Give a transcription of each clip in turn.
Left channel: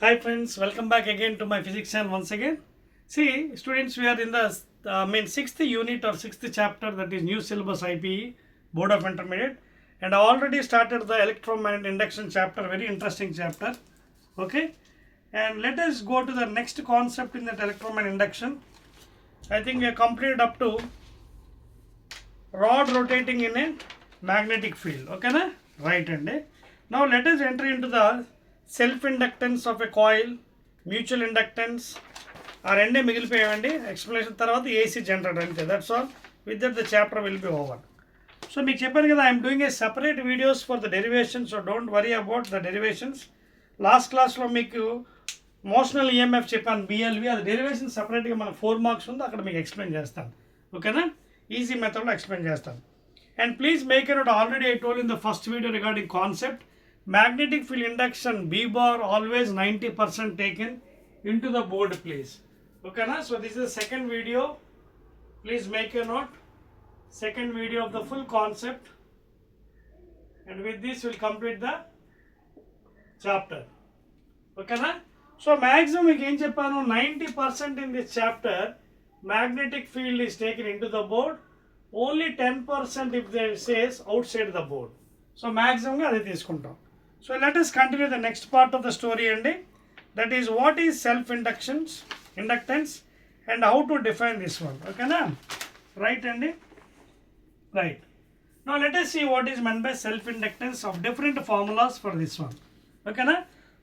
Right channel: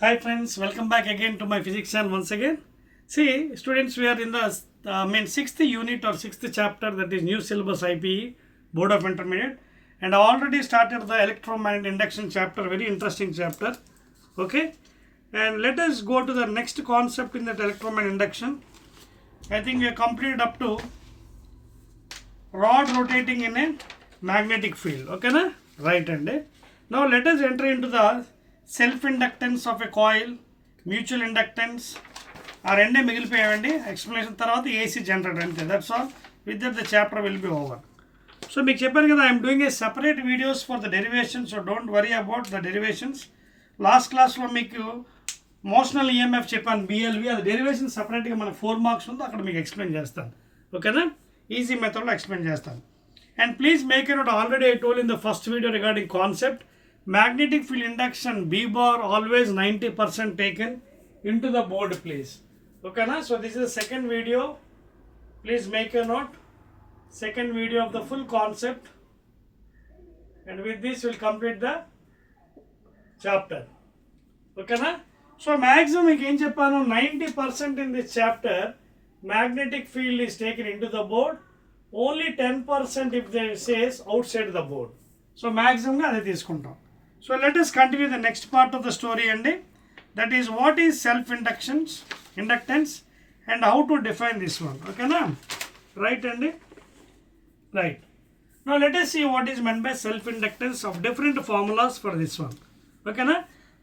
Hi friends, welcome back again to my physics channel once again. See students, we are in the sixth unit or sixth chapter, that is new syllabus IPE Board of Intermediate, and I already started the electromagnetic induction chapter, very interesting chapter. Okay, and let us go to the next concept in that electromagnetic induction. I think we are completed up to rod rotating in a magnetic field. Okay na? Right, and now let us enter into the self inductance of a coil, mutual inductance. ఆ రెండే మిగిలిపోయామండి. ఎక్స్ప్లెనేషన్ తర్వాత AC generator అంతే. That's all. With that the chapter will be over. So మీకు చెప్పాను కదా, I'm doing a separate videos for the derivations, so don't worry about the derivations. Last క్లాస్లో మీకు మోషనల్ ఈఎంఎఫ్ చెప్పాను, బిఎల్వి, అది డెరివేషన్ సపరేట్గా మనకు 4 మార్క్స్ ఉంది, అక్కడ మీకు ఎక్స్ప్లెయిన్ చేస్తాను. ఓకేనా? ఈజీ మెథడ్లో ఎక్స్ప్లెయిన్ చేస్తాను. And please make a note, already I told in the first video regarding concept, magnetic field induction B bar always 90% taken into the board, please. Okay na? So this is the second video, please make a note, second video of the full concept, and with this we'll complete the chapter. Okay na? So maximum again cheppanu 90% in this chapter magnetic field is taken into the board, only 10% if they says outside the board. So maximum గా అదే తీసుకుంటాం. So let us continue the next part of the story అండి. That is what is self inductance and how to define this one. ఓకేనా? రైట్ అండి. Right. Now let us see what is meant by self inductance of different formulas for this one. ఓకేనా?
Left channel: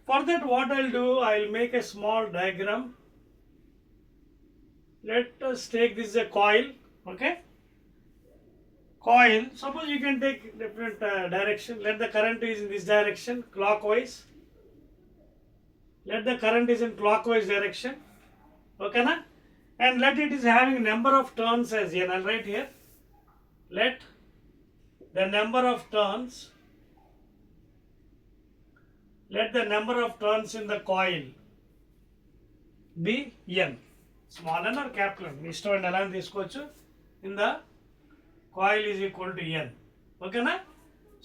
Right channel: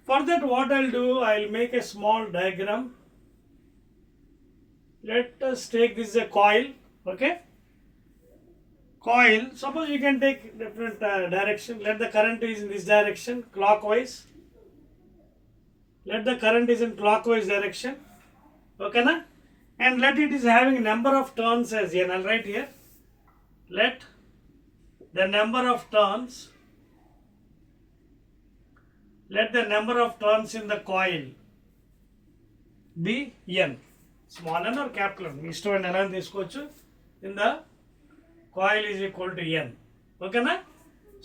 For that what I'll do, I'll make a small diagram. Let us take this as a coil. Okay? Coil, suppose you can take different direction. Let the current is in this direction, clockwise. Let the current is in clockwise direction. Okay na? And let it is having number of turns as n. I'll write here. Let the number of turns in the coil be n. Small n or capital n. మీ ఇష్టం ఎలా తీసుకోవచ్చు. In the coil is equal to n. Okay na?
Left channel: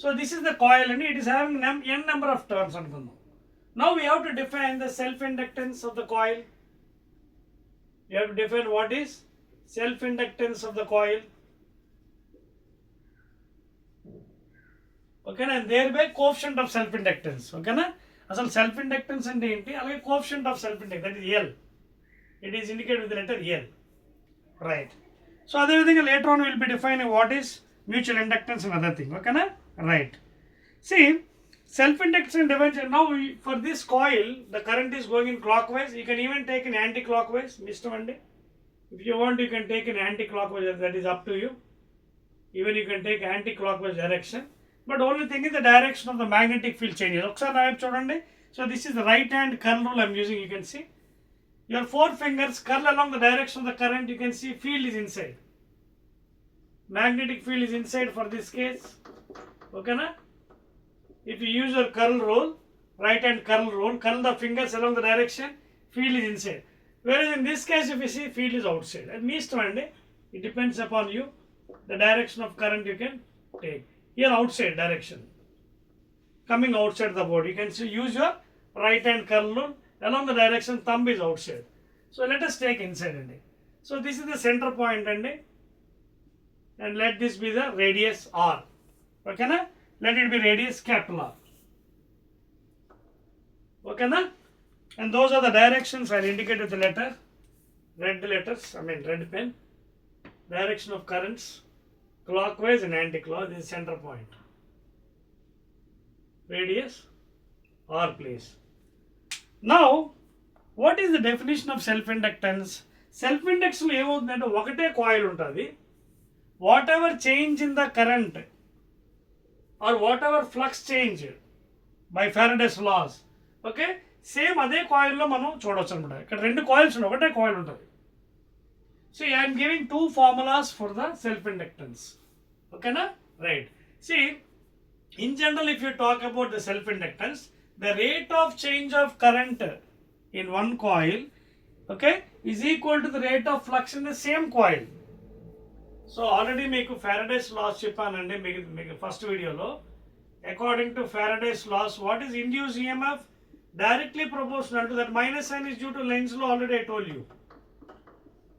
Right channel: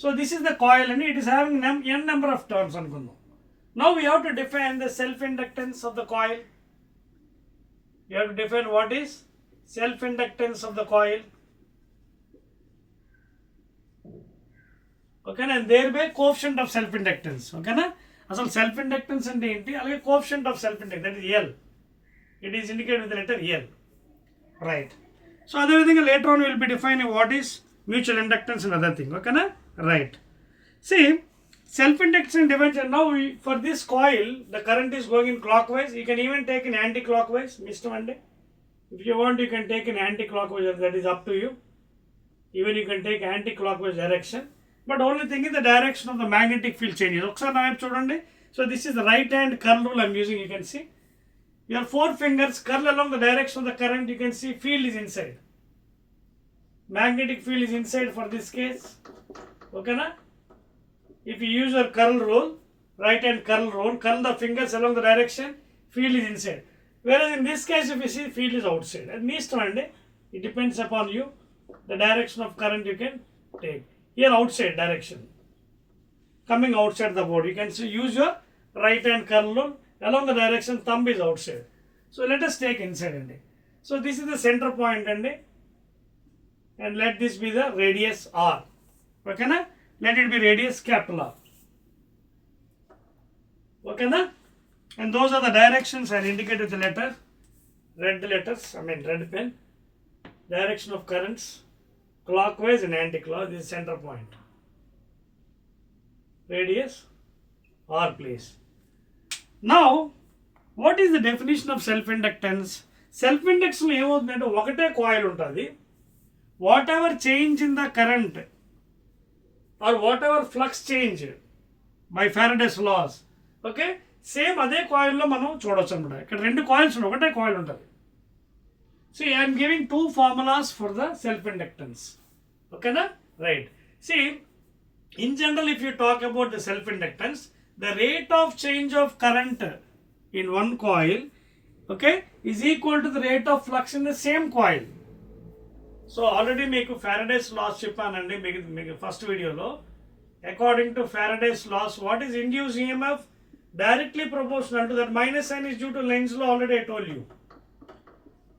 So this is the coil and it is having n number of turns అనుకుందాం. Now we have to define the self inductance of the coil. You have to define what is self inductance of the coil. Okay na? And thereby coefficient of self inductance. Okay na? అసలు self inductance అంటే ఏంటి, అలాగే coefficient of self inductance, that is L. It is indicated with the letter L. Right. So అదేవిధంగా later on we will be defining what is mutual inductance and other thing. Okay na? Right. See, self inductance division. Now for this coil the current is going in clockwise. You can even take in anti-clockwise. Mr. Monday, if you want you can take in anti-clockwise, that is up to you. Even you can take anti-clockwise direction, but only thing is the direction of the magnetic field changes. ఒకసారి నా వైపు చూడండి. So this is the right hand curl rule I'm using. You can see your 4 fingers curl along the direction of the current. You can see field is inside. Magnetic field is inside for this case. Okay na? If you use your curl rule, right hand curl rule, curl the fingers along the direction, field is inside. Whereas in this case, if you see, field is outside. At least one day, it depends upon you, the direction of current you can take. Here outside direction, coming outside the board. You can see, use your right hand curl rule. Along the direction, thumb is outside. So let us take inside and so this is the center point and let this be the radius r. Okay na? Let it be radius capital R. Okay na? And those are the directions I'll indicate with the letter, red letters, red pen. Direction of currents, clockwise and anti-clockwise. This is center point. Radius r, please. Now, what is the definition of self-inductance? Self-induction ఏమవుతుందంటే ఒకటే కాయిల్ ఉంటుంది. What ever change in the current or what ever flux change by Faraday's laws, okay, same అదే కాయిల్లో మనం చూడవచ్చు అనమాట. ఇక్కడ 2 కాయిల్స్ ఉన్నాయి, ఒకటే కాయిల్ ఉంటుంది. So I'm giving 2 formulas for the self inductance. ఓకేనా? Right. See, in general if you talk about the self inductance, the rate of change of current in one coil, okay, is equal to the rate of flux in the same coil. So already మీకు Faraday's laws చెప్పానండి మీకు ఫస్ట్ వీడియోలో. According to Faraday's laws, what is induced EMF? directly proportional to that. Minus sign is due to Lenz's law, already I told you.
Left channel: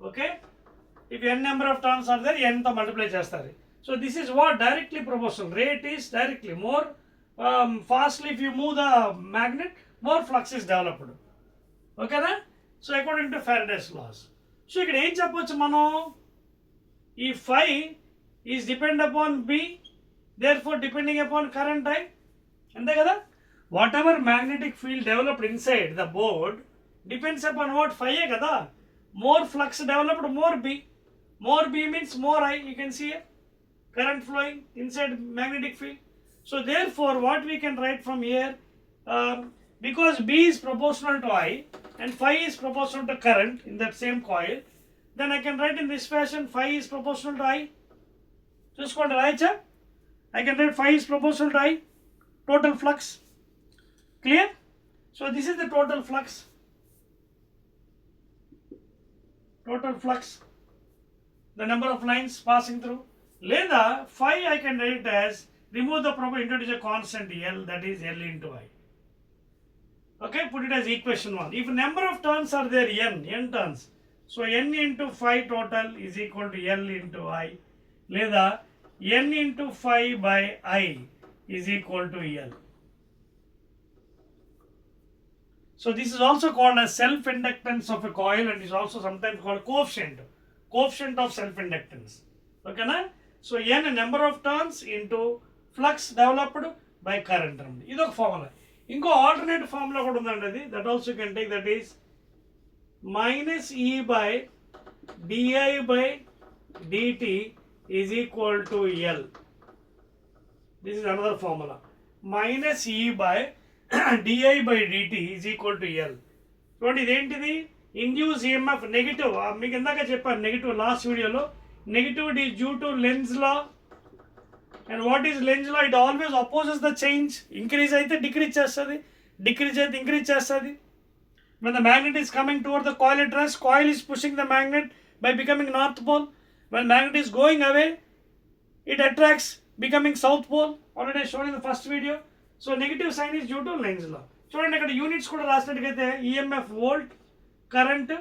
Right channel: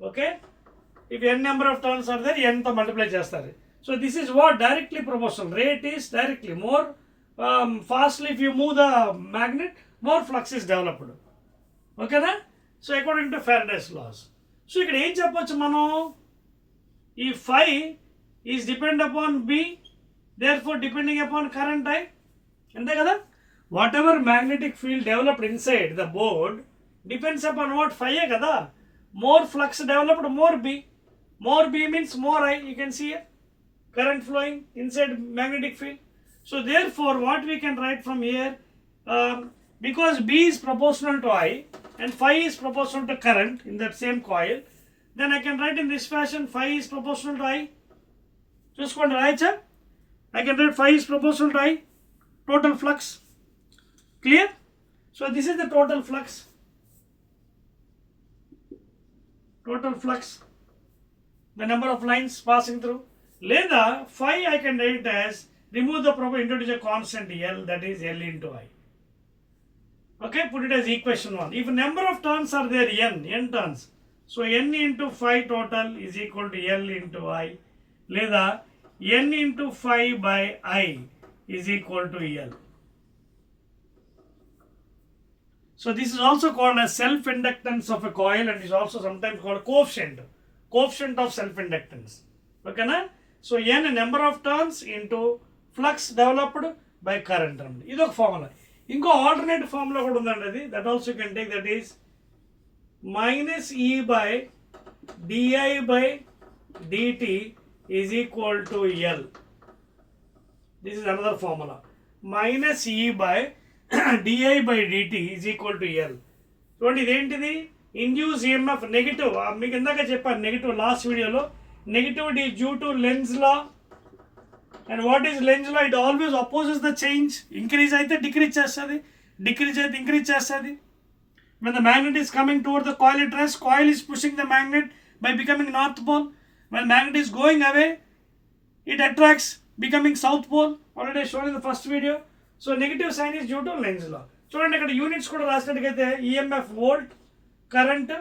Okay, if n number of turns are there, n to multiply chestari. So this is what directly proportional. Rate is directly more fastly. If you move the magnet, more flux is developed. Okay na? So according to Faraday's laws. So ఇక్కడ ఏం చెప్పొచ్చు మనం, ఈ phi is depend upon B, therefore depending upon current I. అంతే కదా? Whatever magnetic field developed inside the board depends upon what? Phi ఏ కదా. More flux developed, more B. More B means more I. You can see here, current flowing inside magnetic field. So therefore what we can write from here, because B is proportional to I and phi is proportional to current in that same coil, then I can write in this fashion, phi is proportional to I. Just go and write, I can write phi is proportional to I, total flux. Clear? So this is the total flux. Total flux, the number of lines passing through. Leda phi I can write it as, remove the proper, introduce a constant L, that is L into I. Okay, put it as equation 1. If number of turns are there, n turns, so n into phi total is equal to L into I. Leda n into phi by I is equal to L. So this is also called as self-inductance of a coil, and is also sometimes called coefficient of self-inductance. Okay na? So n number of turns into flux developed by current. This is formula. Inko alternate formula kuda undandi, that also you can take, that is minus E by di by dt is equal to L. This is another formula. Minus E by di by dt is equal to L. చూడండి ఇదేంటిది, induce EMF negative. మీకు ఇందాక చెప్పాను negative last వీడియోలో. Negativity is due to Lenz's law. And what is Lenz's law? It always opposes the change. Increase అయితే decrease చేస్తుంది, decrease అయితే increase చేస్తుంది. When the magnet is coming toward the coil at rest, coil is pushing the magnet by becoming north pole. When magnet is going away, it attracts, becoming south pole. Already shown in the first video. So negative sign is due to Lenz's law. చూడండి ఇక్కడ units కూడా రాసినట్టుగైతే EMF volt, current,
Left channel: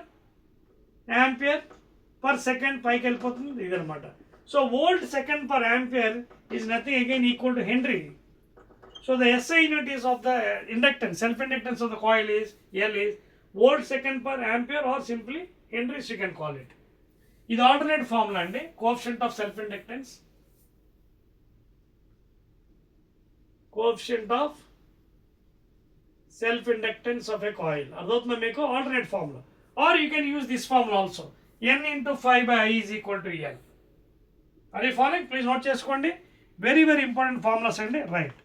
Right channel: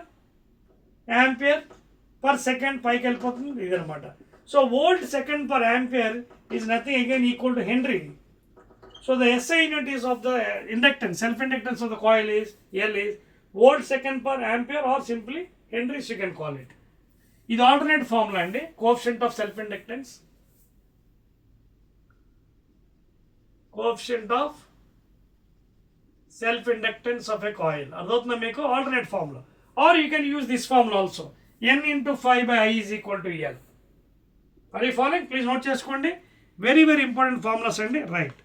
ampere per second పైకి వెళ్ళిపోతుంది ఇదనమాట. So volt second per ampere is nothing again equal to henry. So the SI unit is of the inductance, self inductance of the coil is L is volt second per ampere or simply henries you can call it. ఇది alternate formula అండి, coefficient of self inductance, coefficient of self inductance of a coil. అర్థవుతుందా మీకు? Alternate formula. Or you can use this formula also, n into phi by I is equal to L. Are you following? Please note చేసుకోండి, very very important formulas అండి. Right,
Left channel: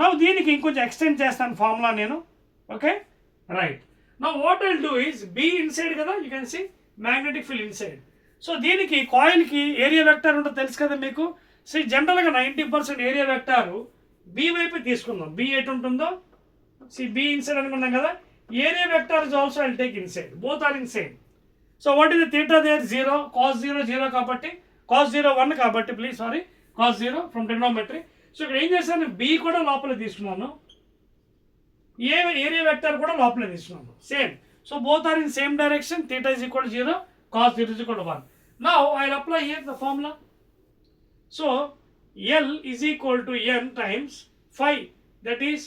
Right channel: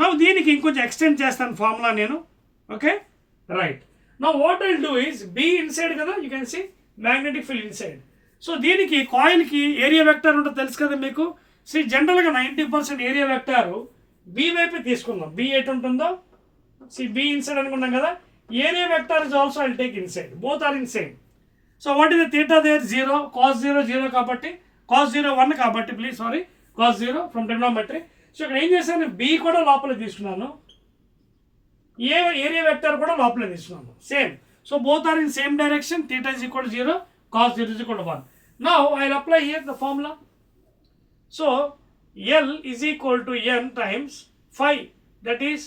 నా దీనికి ఇంకొంచెం extend చేస్తాను formula నేను. Okay right, నా what I'll do is B inside కదా, you can see magnetic field inside. So దీనికి కాయిల్కి ఏరియా వెక్టర్ ఉంటుంది తెలుసు కదా మీకు. సో జనరల్గా 90% ఏరియా వెక్టారు బి వైపు తీసుకుందాం. బి ఎటు ఉంటుందో, సి బి ఇన్సైడ్ అనుకున్నాం కదా. Area vector is also I'll take inside, both are in same. So what is the theta there? 0, cos 0 0 కాబట్టి, cos 0 1 కాబట్టి, please sorry, cos 0 from trigonometry. So ఇక్కడ ఏం చేశాను, బి కూడా లోపల తీసుకున్నాను, ఏ ఏరియా వెక్టర్ కూడా లోపల తీసుకున్నాను, same. So both are in same direction. Theta is equal to 0, cos 0 is equal to 1. Now I will apply here the formula. So L is equal to n times phi, that is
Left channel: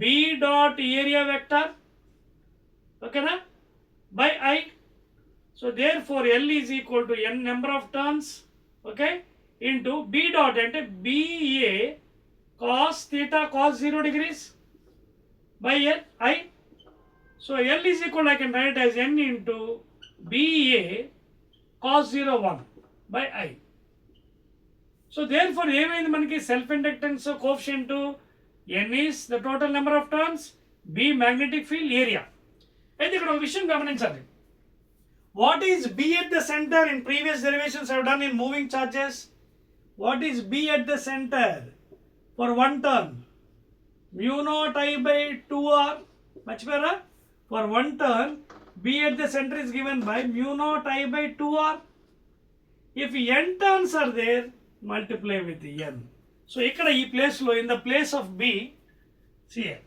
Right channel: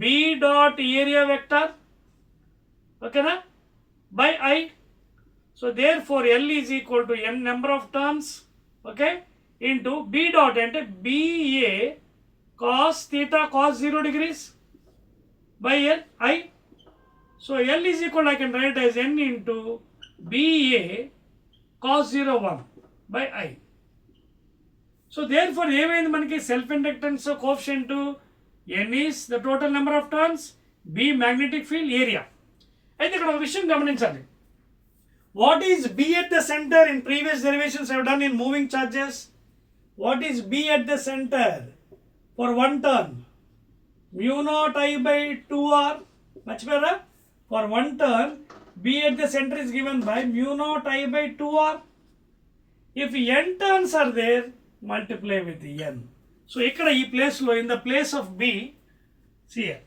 B dot area vector, okay na, by I. So therefore L is equal to n number of turns, okay, into B dot ante BA cos theta cos 0 degrees by L I. So L is equal, I can write as n into BA cos 0 1 by I. So therefore ఏమైంది మనకి, self inductance coefficient n is the total number of turns, B magnetic field, area. అయితే ఇక్కడ ఒక విషయం గమనించాలి. What is B at the center? In previous derivations I have done in moving charges. What is B at the center for one turn? Mu naught I by 2R. మర్చిపోయారా? For one turn B at the center is given by mu naught I by 2R. If n turns are there, multiply with n. So ఇక్కడ ఈ ప్లేస్లో, in the place of B, see here,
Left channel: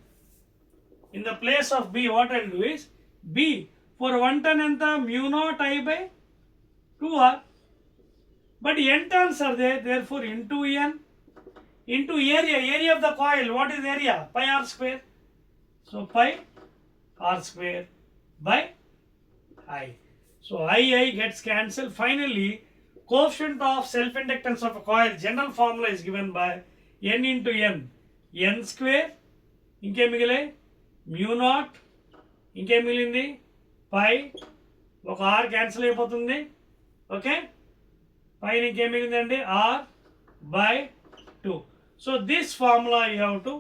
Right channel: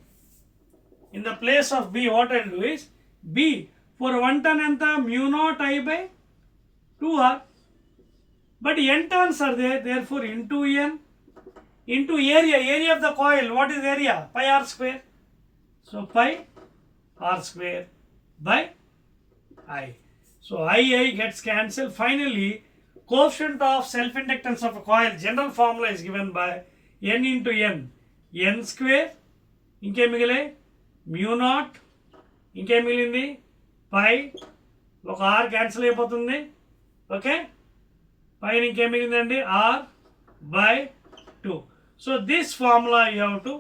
In the place of B, what I'll do is B for 1 turn enta mu naught I by 2R. But n turns are there, therefore into n into area of the coil. What is area? Pi r square. So pi r square by I. So I gets cancelled. Finally, coefficient of self-inductance of a coil, general formula is given by n into n square. ఇంకే మిగిలే mu naught, ఇంకే మిగిలింది పై, ఒక r cancel అయిపోతుంది. ఓకే, పైన ఇంకే మిగిలిందండి r by 2. So this formula you have to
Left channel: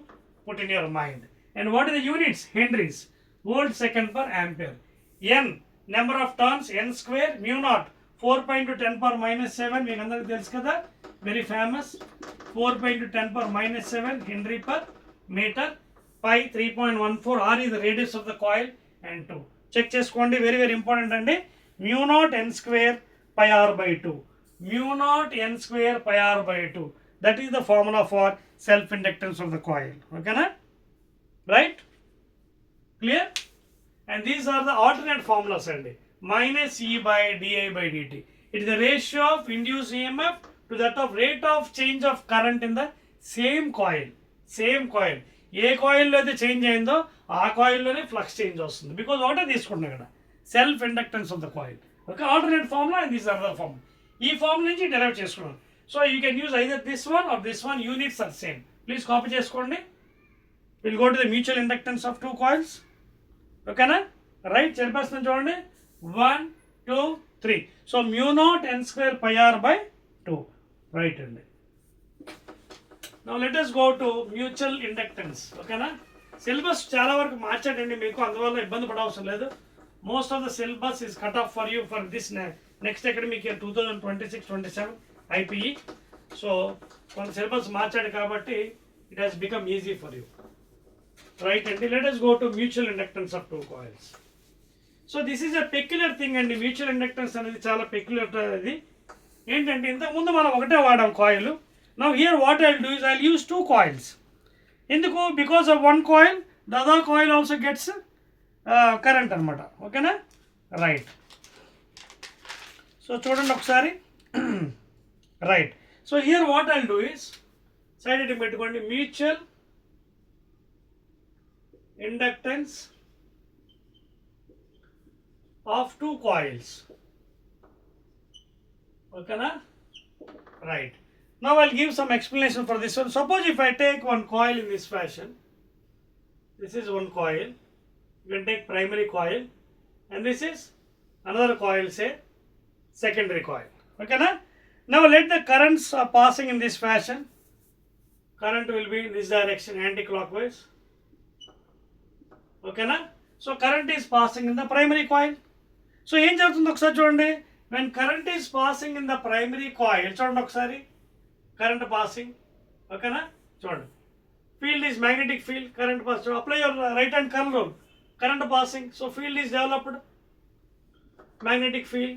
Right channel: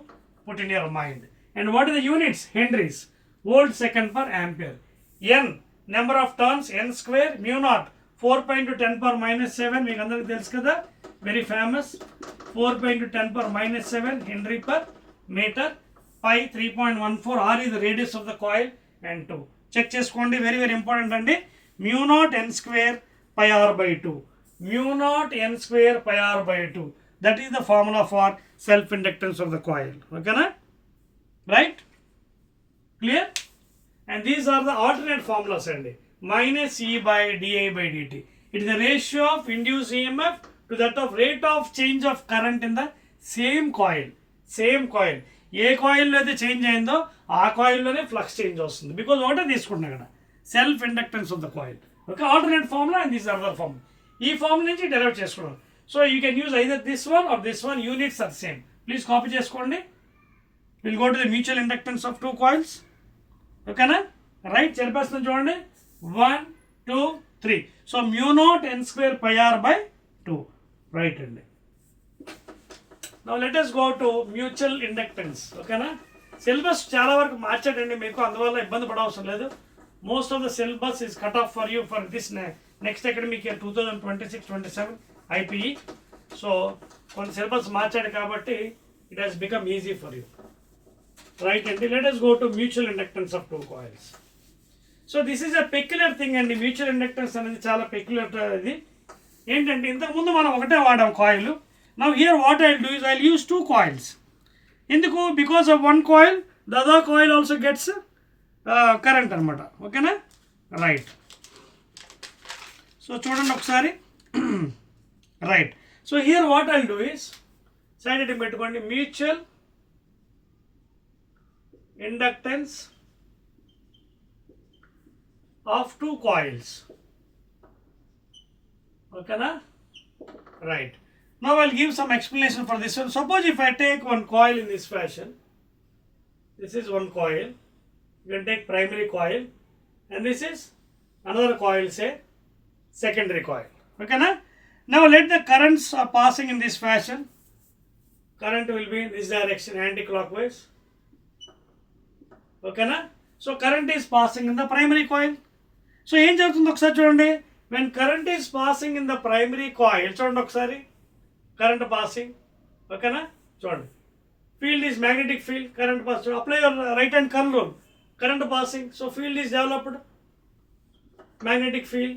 put in your mind. And what are the units? Henries, volt second per ampere. N number of turns, n square, mu naught 4 × 10⁻⁻⁷, మీకు అందరికీ తెలుసు కదా, very famous. 4 × 10⁻⁷ henry per meter. Pi 3.14, r is the radius of the coil, and 2. చెక్ చేసుకోండి, very very important అండి. mu naught n square pi r by 2. mu naught n square pi r by 2. That is the formula for self-inductance of the coil. Okay na? Right? Clear? And these are the alternate formulas అండి. Minus E by di by dt. It is the ratio of induced EMF to that of rate of change of current in the same coil. Same coil. ఏ కాయిల్లో అయితే change అయిందో ఆ కాయిల్లోనే flux change వస్తుంది. Because ఒకటే తీసుకుంటున్నాం కదా, self inductance of the coil. Okay, alternate formula and this other formula. ఈ ఫార్ములా నుంచి డెరైవ్ చేసుకున్నాం. So you can use either this one or this one. Units are same. Please copy చేసుకోండి. Will go to the mutual inductance of 2 coils. ఓకేనా? Right, చెప్పేస్తున్నాం చూడండి. 1 2 3. So mu naught n square pi r by 2. Right అండి. Now let us go to mutual inductance. ఓకేనా? Syllabus చాలా వరకు మార్చాడండి మీకు, అందువల్ల ఇబ్బంది పడవసరం లేదు. Most of the syllabus is cut off for you for this next academic year 2026-27 IPE. So కొంత సిలబస్ మార్చాడు కాబట్టి it has become easy for you. Right అండి. Let us go to mutual inductance of 2 coils. So this is a peculiar thing అండి. Mutual inductance అనేది చాలా పెక్యులర్. అది ఏంటంటే ఇంతకుముందు మనం ఒకటే వాడాం coil. Now here what I'll do is I'll use 2 coils. ఎందుకు? because of one coil the other coil also gets current అనమాట. ఓకేనా? రైట్. సో చూడండి ఒకసారి. Right. So here what I'll do is side ఇటు పెట్టుకోండి, మ్యూచువల్ ఇండక్టెన్స్ ఆఫ్ 2 coils. ఓకేనా? Right. Now I'll give some explanation for this one. Suppose if I take one coil in this fashion, this is one coil, you can take primary coil, and this is another coil, say secondary coil. Okay na? Now let the currents are passing in this fashion. Current will be in this direction, anti-clockwise. Okay na? So current is passing in the primary coil. So ఏం జరుగుతుంది ఒకసారి చూడండి. When current is passing in the primary coil, చూడండి ఒకసారి, current passing. Okay na? చూడండి, field is magnetic field, current passing. Apply your right hand curl rule. Current passing, so field is developed, magnetic field.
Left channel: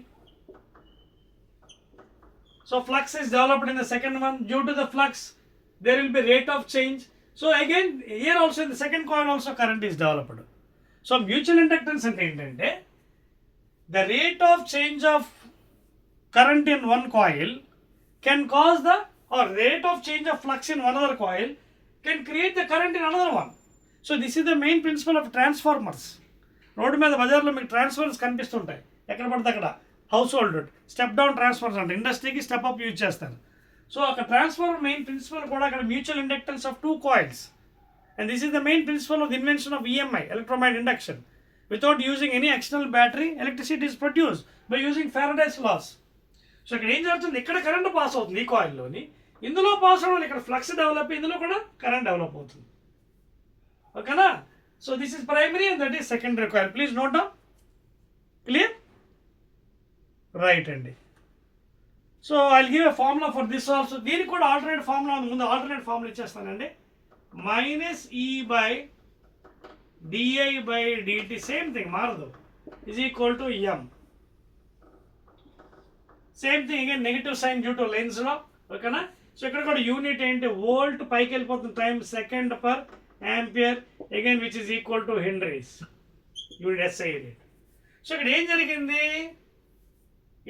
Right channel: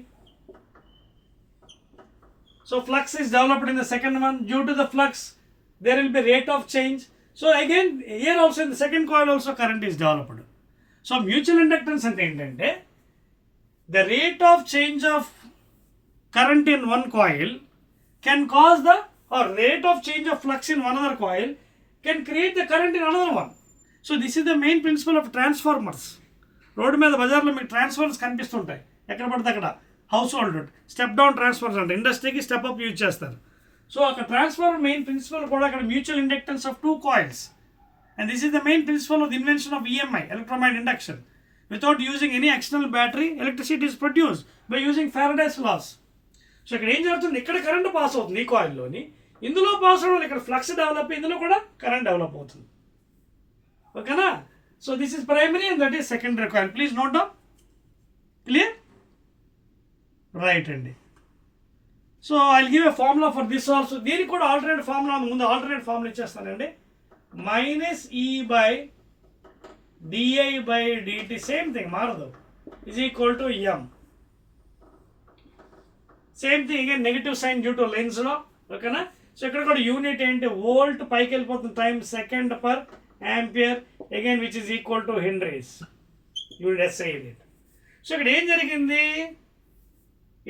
So flux is developed in the second one. Due to the flux there will be rate of change. So again here also in the second coil also current is developed. So mutual inductance అంటే ఏంటంటే the rate of change of current in one coil can cause the or rate of change of flux in one other coil can create the current in another one. So this is the main principle of transformers. Road మీద బజార్లో మీకు ట్రాన్స్ఫార్మర్స్ కనిపిస్తుంటాయి ఎక్కడ పడితే అక్కడ. House hold step down transformers అంటే ఇండస్ట్రీకి step up use చేస్తారు. సో అక్కడ ట్రాన్స్ఫార్మర్ మెయిన్ ప్రిన్సిపల్ కూడా అక్కడ mutual inductance of 2 coils. And this is the main principle of the invention of EMI, electromagnetic induction. Without using any external battery, electricity is produced by using Faraday's laws. So ఇక్కడ ఏం జరుగుతుంది, ఇక్కడ current pass అవుతుంది ఈ కాయిల్లోని, ఇందులో పాస్ అవడం, ఇక్కడ ఫ్లక్స్ డెవలప్, ఇందులో కూడా కరెంట్ డెవలప్ అవుతుంది. ఓకేనా? So this is primary and that is secondary coil. Please note down. Clear? Right అండి. So I'll give a formula for this also. దీనికి కూడా ఆల్టర్నేట్ ఫార్ములా ముందు ఆల్టర్నేట్ ఫార్ములా ఇచ్చేస్తానండి. Minus e by di by dt, same thing మారదు, is equal to M. Same thing again, negative sign due to Lenz law. ఓకేనా? సో ఇక్కడ కూడా యూనిట్ ఏంటి, వోల్ట్ పైకి వెళ్ళిపోతుంది, time second per ampere again which is equal to henries. You will SI it. So ఇక్కడ ఏం జరిగింది,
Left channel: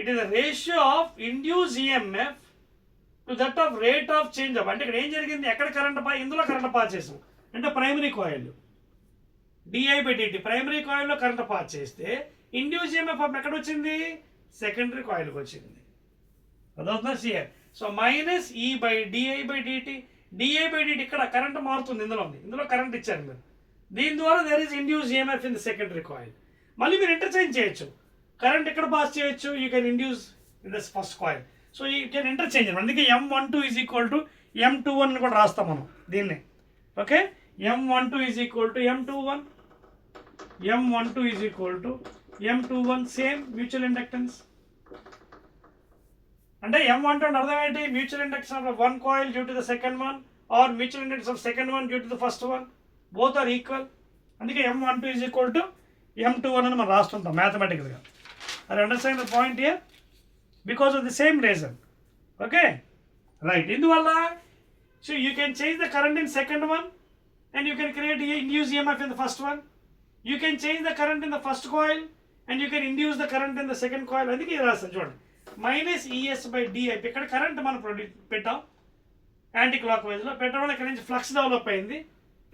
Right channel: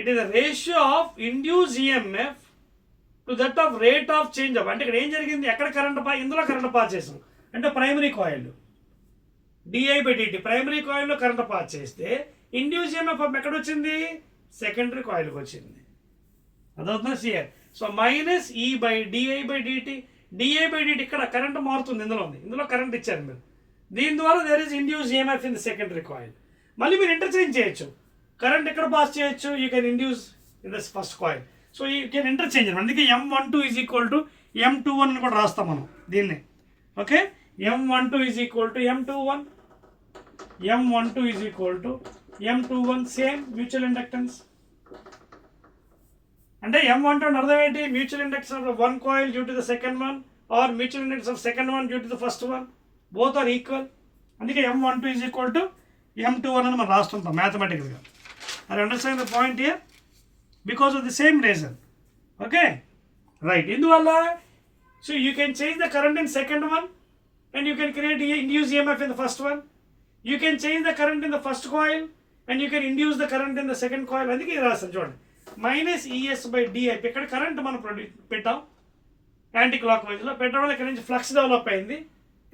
it is a ratio of induced EMF to that of rate of change of, అంటే ఇక్కడ ఏం జరిగింది, ఎక్కడ కరెంట్ ఇందులో కరెంట్ పాస్ చేసాం అంటే ప్రైమరీ కాయిల్ di/dt ప్రైమరీ కాయిల్లో కరెంట్ పాస్ చేస్తే ఇండ్యూస్ EMF ఎక్కడ వచ్చింది, సెకండరీ కాయిల్కి వచ్చింది. అదవుతుందా సియర్. సో మైనస్ di/dt ఇక్కడ కరెంట్ మారుతుంది, ఇందులో కరెంట్ ఇచ్చారు మీరు, దీని ద్వారా there is induce EMF in the secondary coil. మళ్ళీ మీరు ఇంటర్చేంజ్ చేయొచ్చు, కరెంట్ ఎక్కడ పాస్ చేయొచ్చు, you can induce in this first coil. So you can interchange. అందుకే M12 is equal to M21 అని కూడా రాస్తాం మనం దీన్ని. Okay, M12 is equal to M21, M12 is equal to M21, same mutual inductance. అంటే M12 అర్థం ఏంటి, mutual inductance of one coil due to the second one or mutual inductance of second one due to the first one, both are equal. అందుకే M12 is equal to M21 అని మనం రాస్తుంటాం మ్యాథమెటికల్గా. I understand the point here because of the same reason. Okay right. ఇందువల్ల so you can change the current in second one and you can create induce EMF in the first one. You can change the current in the first coil and you can induce the current in the second coil. అందుకే ఇది రాస్తాను చూడండి, minus ES/di. ఇక్కడ కరెంట్ మనం పెట్టాం anti clock వైజ్లో, పెట్టడం వల్ల ఇక్కడ నుంచి ఫ్లక్స్ డెవలప్ అయింది,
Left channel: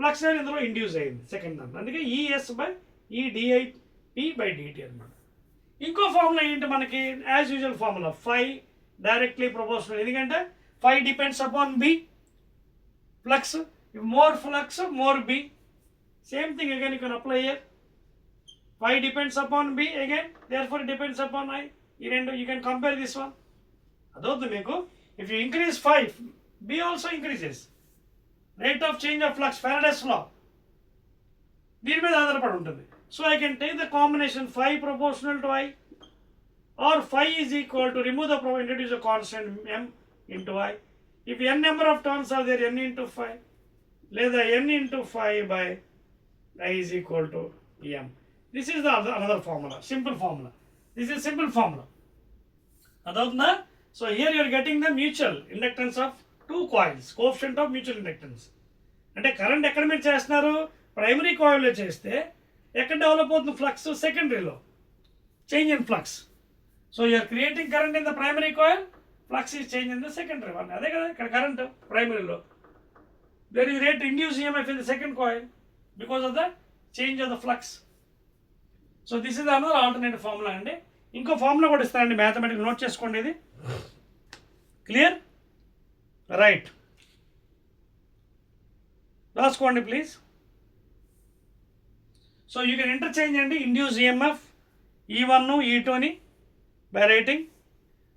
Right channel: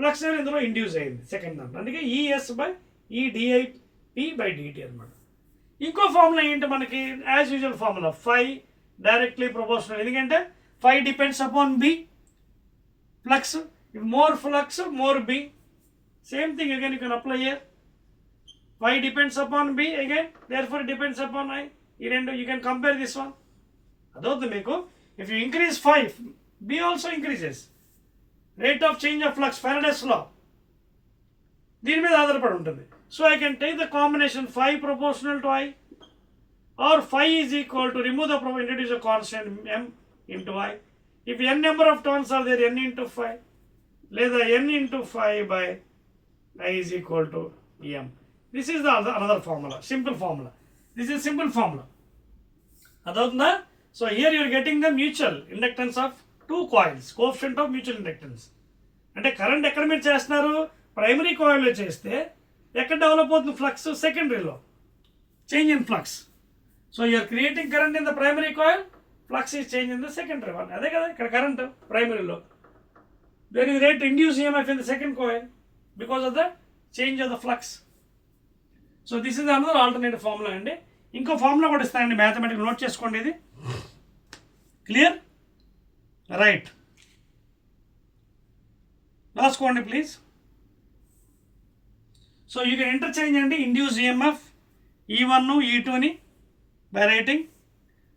ఫ్లక్స్ ఇందులో ఇండ్యూస్ అయింది సెకండ్ దాంట్లో. అందుకే ES/diP/dt అనమాట. ఇంకో ఫార్ములా ఏంటి మనకి, as usual formula phi directly proportional. ఎందుకంటే phi depends upon B, flux, more flux, more B. Same thing again you can apply here. Phi depends upon B again, therefore it depends upon I. You can compare this one. Adothu meeku, if you increase phi, B also increases. Rate of change of flux, Faraday's law. దీని మీద ఆధారపడి ఉంటుంది. So I can take the combination phi proportional to I, or phi is equal to remove the introduce a constant M into I. If n number of turns are there, n into phi, లేదా n into phi by I is equal to M. This is the another formula, simple formula. This is simple formula. Adavna. So here you are getting the mutual inductance of two coils, coefficient of mutual inductance. అంటే current ఎక్కడ మీరు చేస్తున్నారు, primary కాయిల్లో చేస్తే ఎక్కడ develop అవుతుంది, flux సెకండరీలో, change in flux. So you're creating current in the primary coil, flux is change in the secondary one. అదే కదా ఇక్కడ కరెంట్ ప్రైమరీలో. There is rate induced EMF in the second coil because of the change of the flux. So this is another alternative formula అండి. ఇంకో ఫార్ములా కూడా ఇస్తానండి mathematics, note చేసుకోండి ఇది. క్లియర్ రైట్, రాసుకోండి please. So you can interchange అండి induce EMF E1 E2 by rating.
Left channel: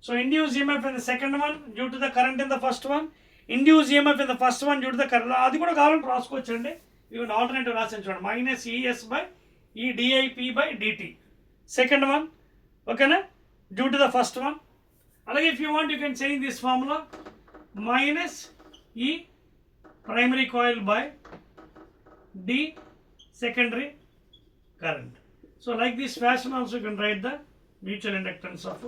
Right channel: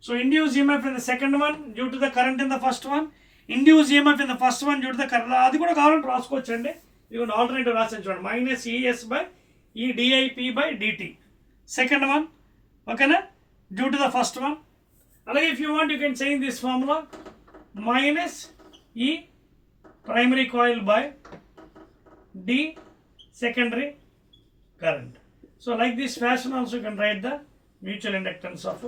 So induced EMF in the second one due to the current in the first one, induced EMF in the first one due to the current, అది కూడా కావాలంటే రాసుకోవచ్చు అండి. ఇవన్నీ alternative రాసాను చూడండి, minus ES/diP/dt second one, ఓకేనా, due to the first one. అలాగే if you want you can change this formula, minus E primary coil by D secondary current. So like this fashion also you can write the mutual inductance of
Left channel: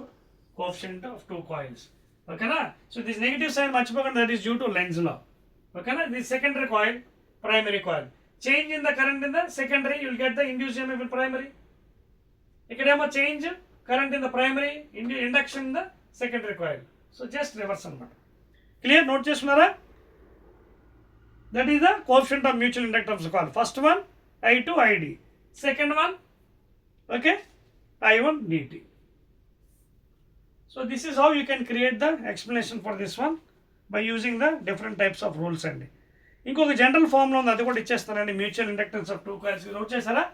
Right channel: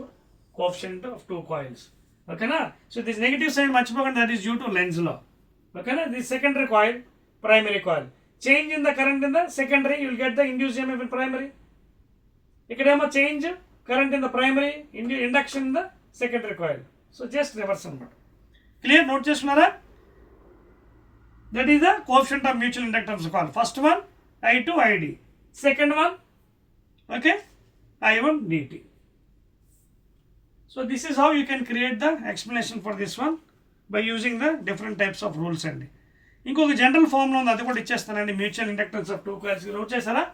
coefficient of two coils. Okay na? So this negative sign మర్చిపోకండి, that is due to Lenz's law. Okay na? This secondary coil, primary coil. Change in the current in the secondary, you will get the induced EMF in primary. ikkademo change current in the primary, induction in the secondary coil. So just reverse anamata. Clear? Note చేసుకున్నారా? That is the coefficient of mutual inductance coil. First one I2 ID, second one okay I1 dt. So this is how you can create the explanation for this one by using the different types of rules అండి. ఇంకొక general formula ఉంది, అది కూడా ఇచ్చేస్తానండి, mutual inductance of two coils. Note చేశారా,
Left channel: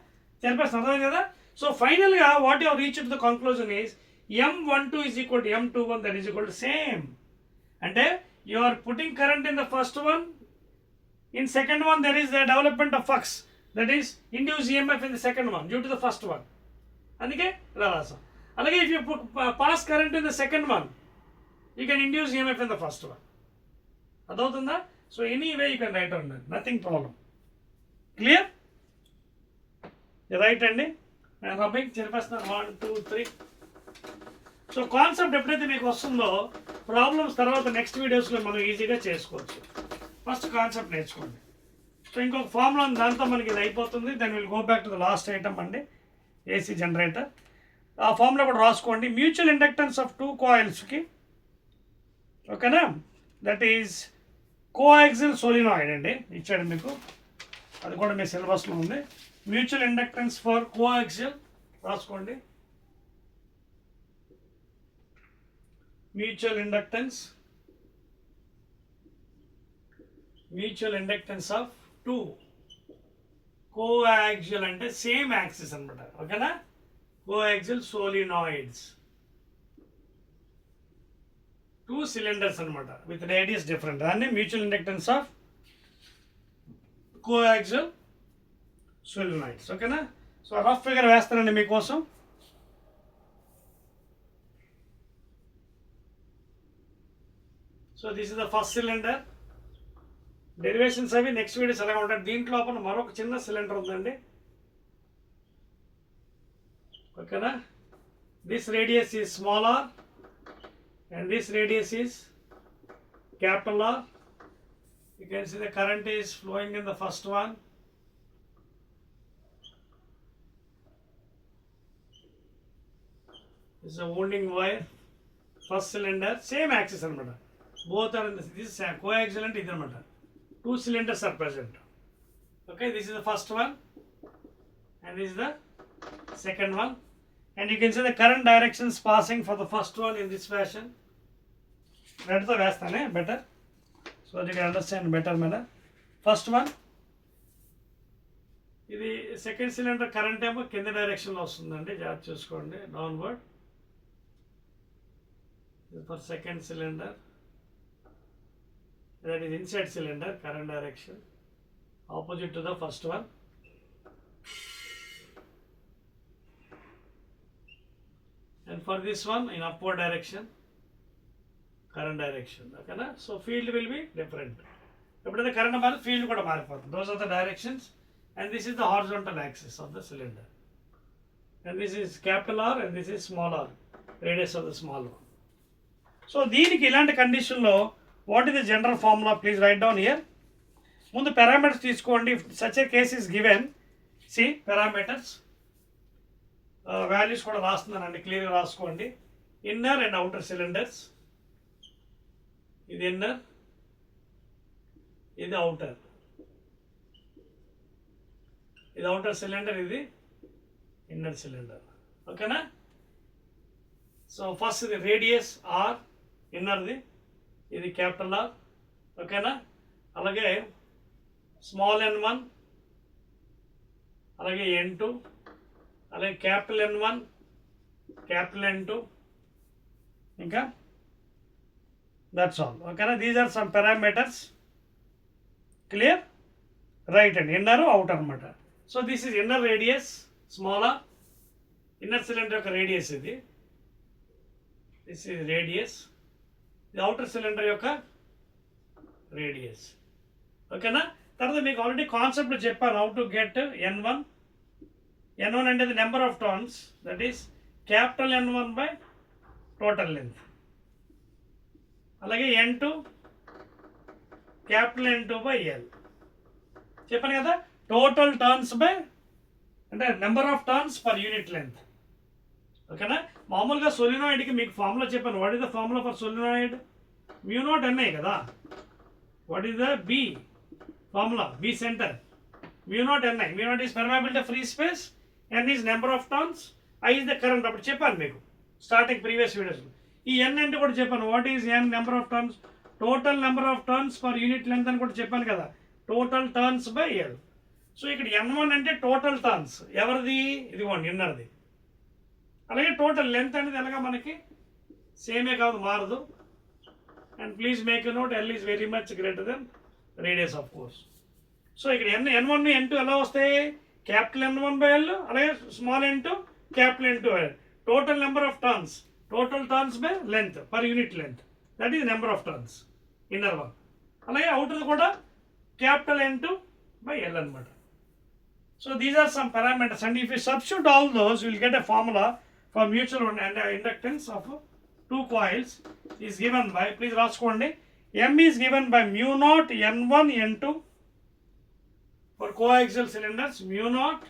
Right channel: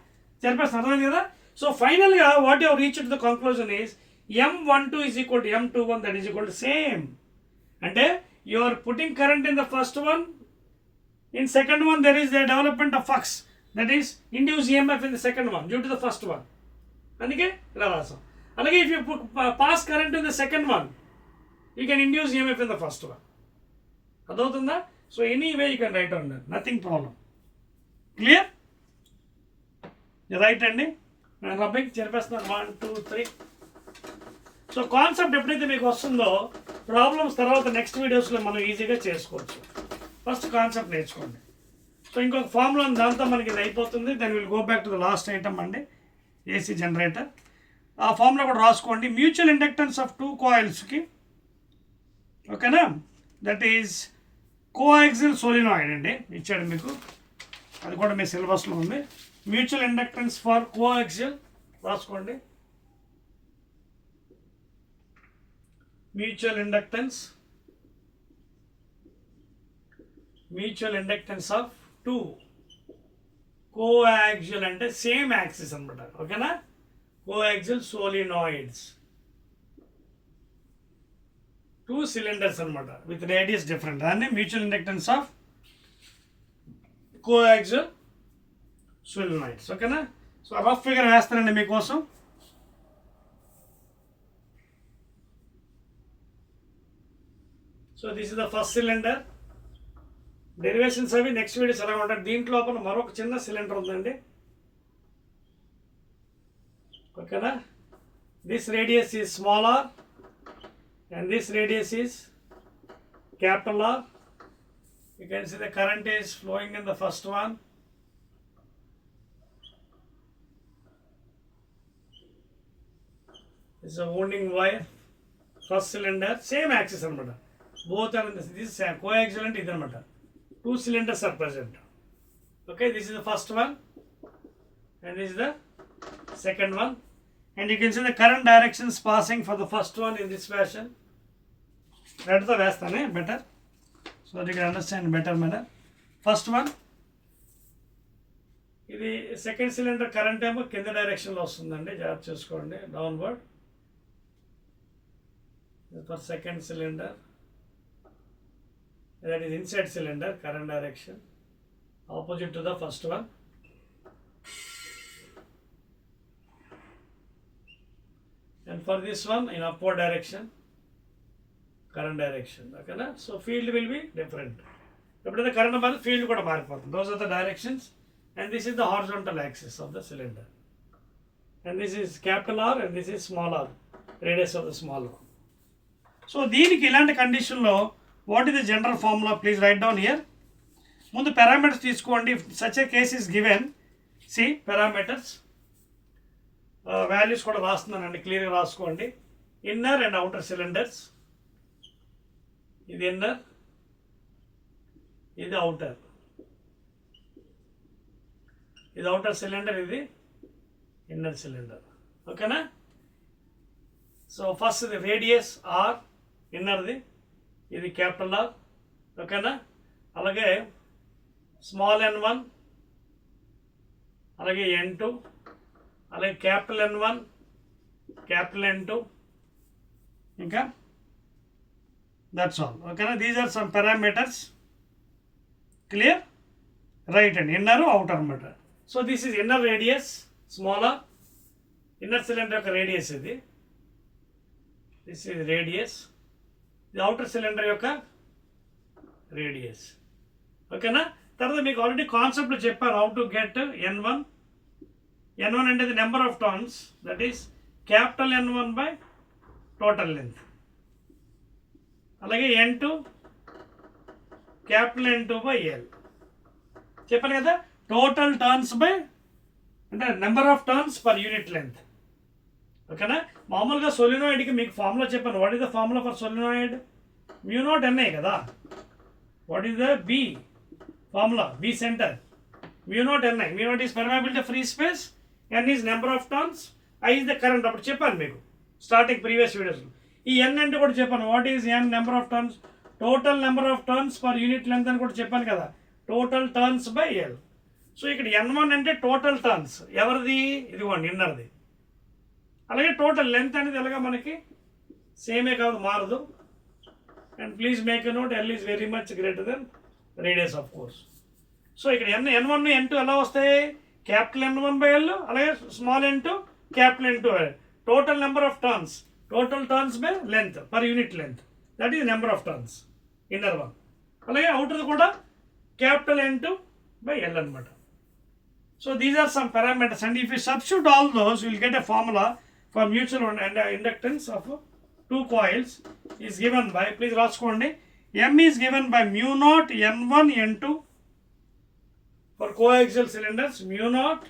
సరిపేస్తాను అర్థం కదా. సో ఫైనల్గా what you reach to the conclusion is M12 is equal to M21, that is equal to same. అంటే you are putting current in the first one, in second one there is the development of flux, that is induced EMF in the second one due to the first one. అందుకే రావాసం. అలాగే if you pass current in the second one, you can induce EMF in the first one. అదవుతుందా? So anyway you can write on that, nothing problem. Clear? Right అండి, నేను రబ్బింగ్ చెప్పేస్తున్నాను 1 2 3. So concept ఎప్పుడైతే మీకు వస్తుందో ప్రాబ్లమ్స్ తర్వాత నెక్స్ట్ వీడియోస్లో మనం ఈజీగా చేసుకోవచ్చు. ఫస్ట్ కాన్సెప్ట్ నేర్చుకోండి. సో ఇంకొక ఫార్ములా దాంతో మనకి ఇది అయిపోతుంది. Then will go back to the last item అండి, ఏసీ జనరేటర్. ఆ ఫార్ములా కూడా రాసుకోండి. మ్యూచువల్ ఇండక్టెన్స్ ఆఫ్ టూ కాయిల్స్కి, ఓకేనా, దట్ ఈజ్ కోయాక్సిల్ సోలినాయిడ్ అండి, ఇచ్చాడు మీకు, అది కూడా మీ సిలబస్లో ఉంది. మ్యూచువల్ ఇండక్టెన్స్ ఫర్ కోయాక్సిల్ రాసుకోండి. Mutual inductance of two coaxial అంటే సేమ్ యాక్సిస్ అనమాట, ఓకేనా, కోయాక్సిల్ సోలినాయిడ్స్, టూ సిలిండర్స్ అనమాట విత్ రేడియస్ డిఫరెంట్, దాన్ని mutual inductance of coaxial solenoids, ఓకేనా. సో రఫ్ ఫిగర్ వేస్తానండి మీకోసం. So this is the first cylinder. Derivations అవి నెక్స్ట్ వీడియోస్ ఎలా ఉంటాయి. దీంట్లో మరొక చిన్న సిలిండర్ ఉందండి, ఓకేనా. This radius is small r and this radius is capital R. You can see the current is flowing in the first one. This is a wounding wire. First cylinder, same axis anamata. Both are in this is coaxial and idu anamata. Two cylinders are present. Okay, this is the first one and this is the second one. And you can see the current directions passing for the first one in this fashion. Red the vastane better, so that you can understand better manner. First one, ఇది second cylinder current ఏమో కింద డైరెక్షన్లో వస్తుందండి, జాగ్రత్త చూసుకోండి, downward. For second cylinder, that is inside cylinder, current direction opposite to the first one. And for this one in upward direction, current direction, okay na. So field will be different. Eppudina current mari field kuda maripotundi. Those are the directions, and this is the horizontal axis of the cylinder, and this is capital R and this is small r, radius of the small one. So deeniki ilanti condition lo what is the general formula, please write down here. Mundu parameters teeskondi. If such a case is given, see parameters, values కూడా రాస్తున్నానండి, క్లియర్గా రాసుకోండి. Inner and outer cylinders, ఇది ఇన్నర్, ఇది అవుటర్, ఇది outer cylinder, ఇది inner cylinder, ఓకేనా. So first ఇది రేడియస్ ఆర్, ఇన్నర్ది, ఇది క్యాపిటల్ ఆర్, ఓకేనా. అలాగే స్మాల్ n1, అలాగే n2, అలాగే క్యాపిటల్ N1, క్యాపిటల్ N2, ఇంకా దట్స్ ఆల్, ఓకేనా. These are some parameters, clear, right అండి. ఇన్నర్ అవుటర్ అనమాట. So this is inner radius smaller, inner cylinder యొక్క రేడియస్ ఇది, దిస్ ఈజ్ రేడియస్, ఇది అవుటర్ సిలిండర్ యొక్క రేడియస్, ఓకేనా. తర్వాత మీకు ఆల్రెడీ కాన్సెప్ట్లో చెప్పాను, how to get N1. N1 అంటే the number of turns, that is capital N1 by total length. అలాగే N2 capital N2 by L. చెప్పాను కదా, టోటల్ టర్న్స్ బై అంటే number of turns per unit length, ఓకేనా. మామూలుగా సోలినాయిడ్కి మీకు ఫార్ములా చెప్పాను. What is the formula for solenoid? Mu naught NI కదా. What is the B formula? B centre, mu naught NI. Mu naught is permeability free space, n is number of turns, I is the current. అప్పుడు చెప్పాను మీకు starting previous videos. ఈ n అంటే కూడా చెప్పాను, what is n, number of turns, total number of turns per unit length అని కూడా చెప్పాను కదా, total turns by L. So ఇక్కడ N1 అంటే టోటల్ టర్న్స్, ఎవరిది? ఇదిగోండి ఇన్నర్ది. అలాగే టోటల్ లెంత్ అనేది ఎలాగా మనకి సేమే కాదు, మారదు. And please make a note, L is very much greater than radius of course. So ఇక్కడ N1 N2 ఎలా వస్తాయి? క్యాపిటల్ N1 by L, అలాగే small n2 capital n2 by L. Total number of turns, total turns by length per unit length, that is number of turns, inner one. అలాగే outer కూడా capital N2 by L అనమాట. So these are some parameters, and if you substitute all those you will get a formula for mutual and inductance of two coils is given by, please రాసుకోండి, M is given by mu naught N1 N2 for coaxial cylinders, mu naught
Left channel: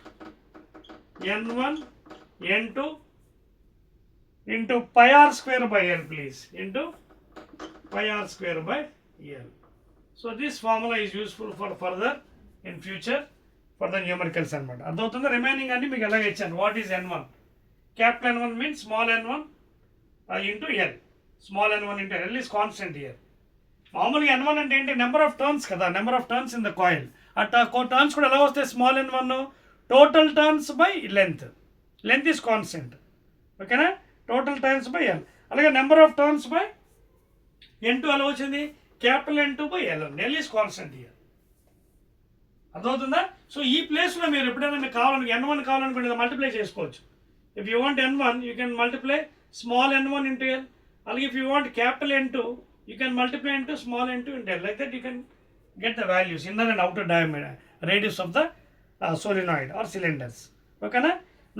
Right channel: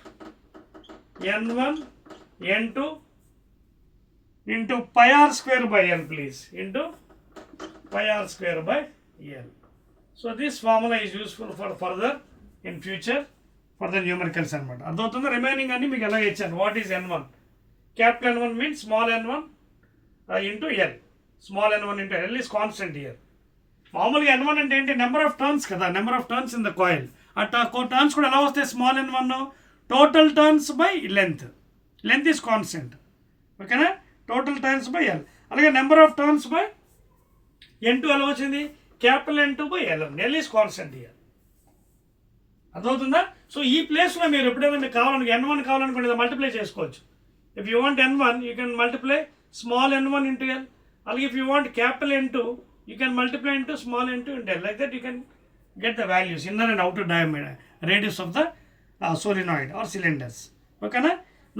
N1 N2 into pi r square by L, please, into pi r square by L. So this formula is useful for further in future for the numericals అనమాట. అర్థమవుతుందా? రిమైనింగ్ అన్ని మీకు ఎలా ఇచ్చాను. What is N1? Capital N1 means small n1 into L. Small n1 into L is constant here. మామూలుగా n1 అంటే ఏంటి? Number of turns కదా, number of turns in the coil. Turns కూడా ఎలా వస్తాయి? Small n1 total turns by length. Length is constant. ఓకేనా? Total turns by L. అలాగే number of turns by n2 ఎలా వచ్చింది? Capital N2 by L. L is constant here. అర్థమవుతుందా? So ఈ ప్లేస్లో మీరు ఎప్పుడైనా మీకు కావాలనుకో n1 కావాలనుకుంటే మల్టిప్లై చేసుకోవచ్చు. If you want n1, you can multiply small n1 into L. Or if you want capital N2, you can multiply into small n2 into L. Like that you can get the values, inner and outer diameter, radius of the solenoid or cylinders. Okay na?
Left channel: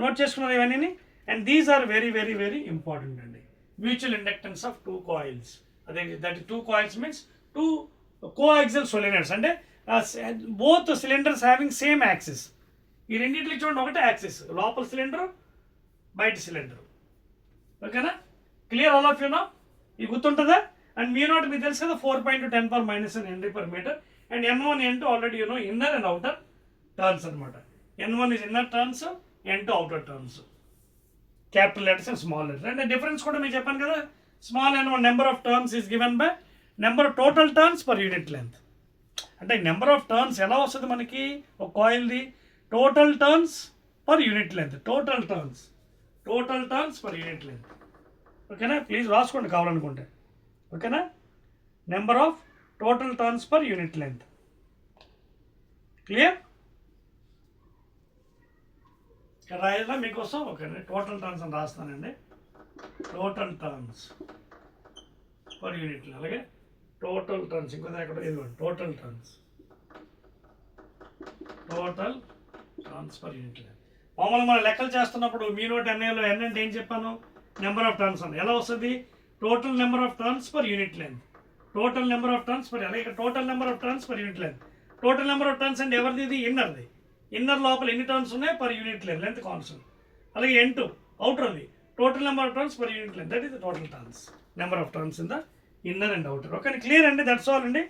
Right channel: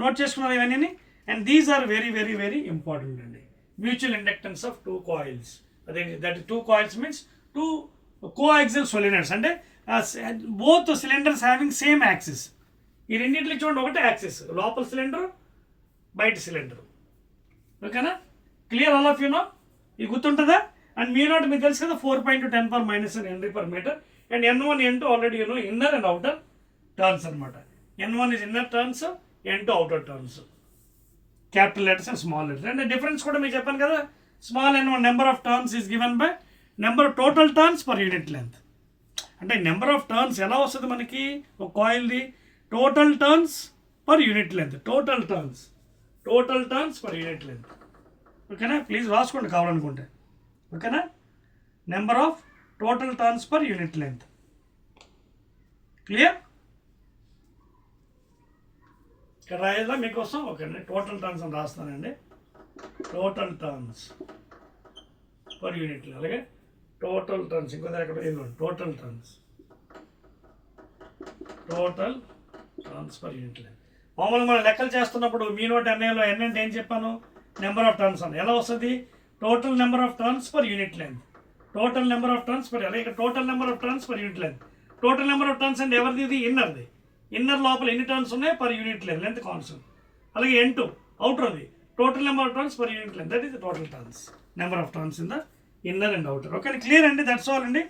Note చేసుకున్నారు ఇవన్నీ. And these are very, very, very important అండి. Mutual inductance of two coils. That two coils means two coaxial solenoids. అంటే both cylinders having same axis. ఈ రెండింటికి చూడండి, ఒకటే యాక్సిస్, లోపల సిలిండర్ బయట సిలిండర్. ఓకేనా? Clear all of you know? ఇది గుర్తుంటుందా? అండ్ మీ నాట్ మీకు తెలుసు కదా, 4.2 Henry per meter. And N1 N2 already you know, inner and outer turns అనమాట. N1 is inner turns, N2 outer turns. Capital letters and small letters. And the difference కూడా మీకు చెప్పాను కదా, small n1 number of turns is given by number of total turns per unit length. అంటే number of టర్న్స్ ఎలా వస్తుంది మనకి ఒక కాయిల్ది? Total turns per unit length. Total turns per unit length. ఓకేనా? ప్లీజ్ రాసుకోండి కావాలనుకుంటే. ఓకేనా? Number of total turns per unit length. Clear? ఇక్కడ రాయాలా మీకోసం? ఓకేనా? టోటల్ టర్న్స్ అని రాస్తానండి. Total turns per unit length. అలాగే టోటల్ టర్న్స్, ఇంకో దగ్గర ఇవ్వండి. Total turns per unit length. మామూలుగా మనం లెక్కలు చేస్తున్నప్పుడు మీ నోట్ ఎన్ఐలో ఎన్ అంటే ఏం చెప్పాను? నెంబర్ ఆఫ్ టర్న్స్ అని. ఎలా వస్తుంది? Total number of turns per unit length. Total number of turns per, అలాగే total number of turns per unit length. Total number of turns అంటే ఎవరిది? ఇది ఇన్నర్ది. ఇన్నర్ లోపల ఎన్ని టర్న్స్ ఉన్నాయి per unit length, length constant. అలాగే N2 అవుటర్ ఉంది. Total number of turns per unit length, that is the total turns, number of turns in the inner and outer. Okay, clear అండి? That's all అండి.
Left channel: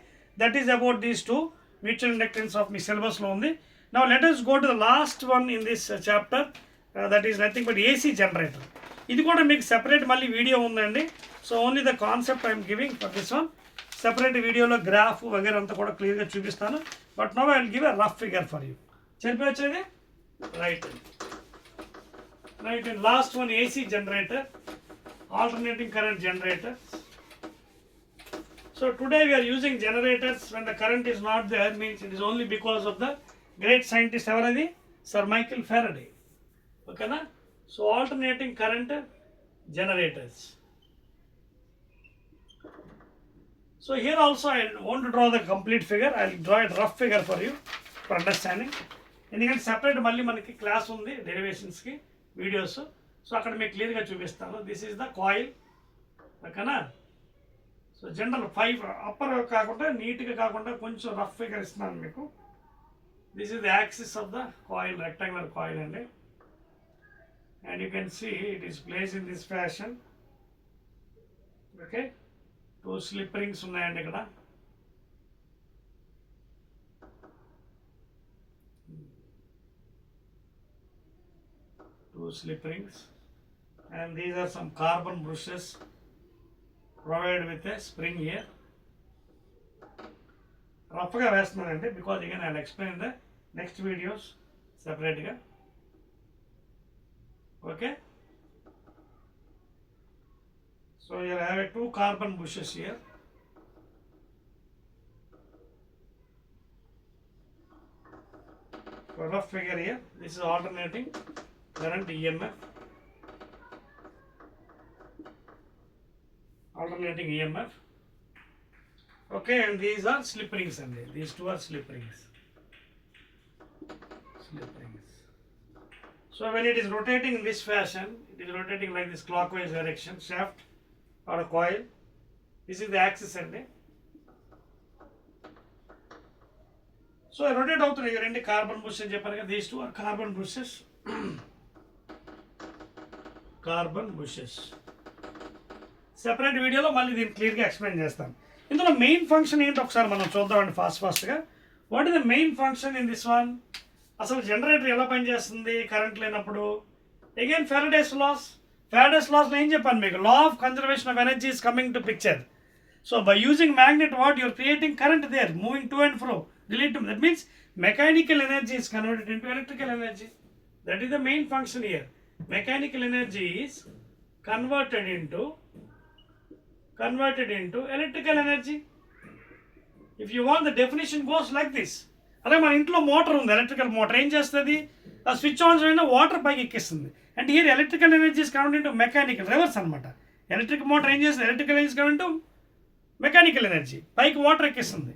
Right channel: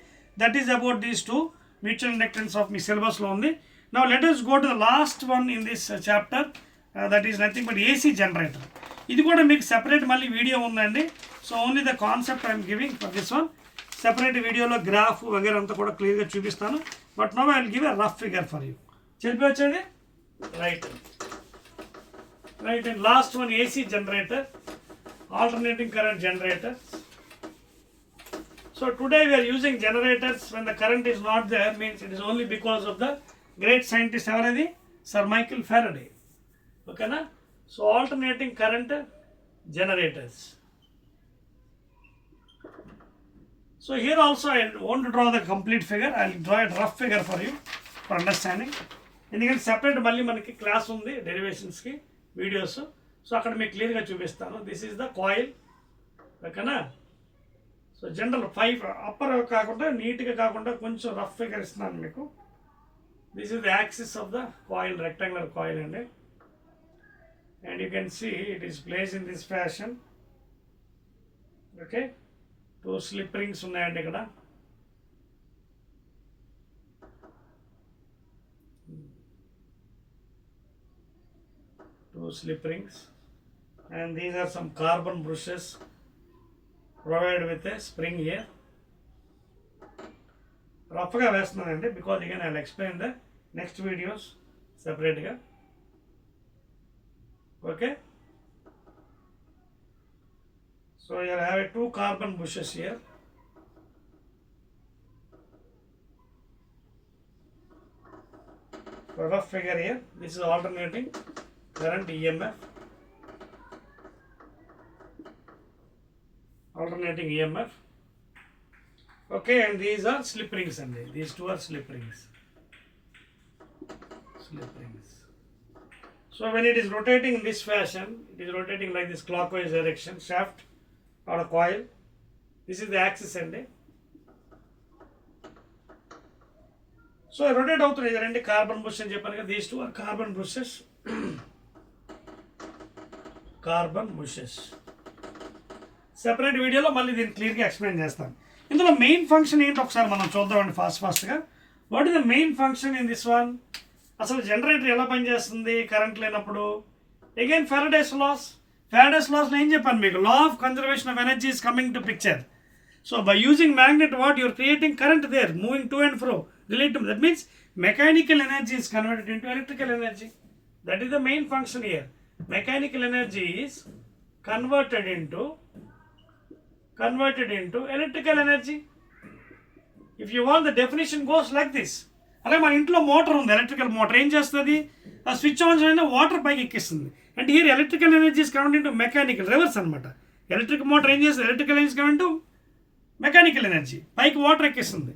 That is about these two mutual inductance of మీ సిలబస్లో ఉంది. Now let us go to the last one in this chapter, that is nothing but AC generator. ఇది కూడా మీకు సెపరేట్ మళ్ళీ వీడియో ఉందండి. So only the concept I'm giving for this one. Separate వీడియోలో గ్రాఫ్ వగేర అంతా కూడా క్లియర్గా చూపిస్తాను. But now I will give a rough figure for you. చెప్పి వచ్చేది right and last one, AC generator, alternating current generator. So today we are using generators when the current is not there, means it is only because of the great scientist everadi Sir Michael Faraday. Okay na? So alternating current generators. So here also I want to draw the complete figure. I will draw a rough figure for you for understanding. ఎందుకంటే సెపరేట్ మళ్ళీ మనకి క్లాస్ ఉంది డెరివేషన్స్కి videos. So అక్కడ మీకు క్లియర్గా చూపిస్తాను. This is the coil. ఓకేనా? సో జనరల్ 5 అప్పర్ కాకుండా, నీట్గా కాకుండా కొంచెం రఫ్ ఫిగర్ ఇస్తున్నాను మీకు. This is the axis of the coil, rectangular coil, and you can see it is placed in this fashion. Okay, 2 slip rings ఉన్నాయండి ఇక్కడ. Two slip rings, and these are some carbon brushes provided with a spring here. రఫ్గా వేస్తున్నానండి because again I'll explain the next videos separately. Okay, so you have 2 carbon bushes here. So rough figure here. This is alternating current EMF. Alternating EMF. Okay, and these are slip rings, and these 2 are slip rings. So when it is rotating in this fashion, it is rotating like this clockwise direction, shaft or a coil. This is the axis, and so rotate అవుతున్నాయి రెండు carbon brushes అని చెప్పాను కదా, these two are carbon brushes. Carbon brushes separate వీడియోలో మళ్ళీ దీన్ని క్లియర్గా ఎక్స్ప్లెయిన్ చేస్తాను. ఇందులో మెయిన్ ఫంక్షన్ ఏంటి ఒకసారి మనం చూద్దామండి ఫాస్ట్గా. What is the main function in this one? అసలు జనరేటర్ ఎలా పనిచేస్తుంది కరెంట్ లేనప్పుడు? Again Faraday's laws. ఫెరడేస్ లాస్లో ఏం చెప్పాను మీకు? Law of conservation of energy is coming to picture. So by using magnet what you are creating current there, moving to and fro, relate to that means mechanical energy is converted into electrical energy. That is the main function here. Mechanical energy is converted into electrical energy. If you want, the definition goes like this. అదే మన ఇంట్లో మోటార్ ఉంది, electrical motor ఏం చేస్తుంది? ఆ switch on చేయడం water పైకి ఎక్కిస్తుంది. And here electrical energy is converted into mechanical, reverse అనమాట. ఎలక్ట్రిక్ మోటార్ ఏం చేస్తుంది? Electrical energy convert into mechanical energy, పైకి వాటర్ ఎక్కిస్తుంది.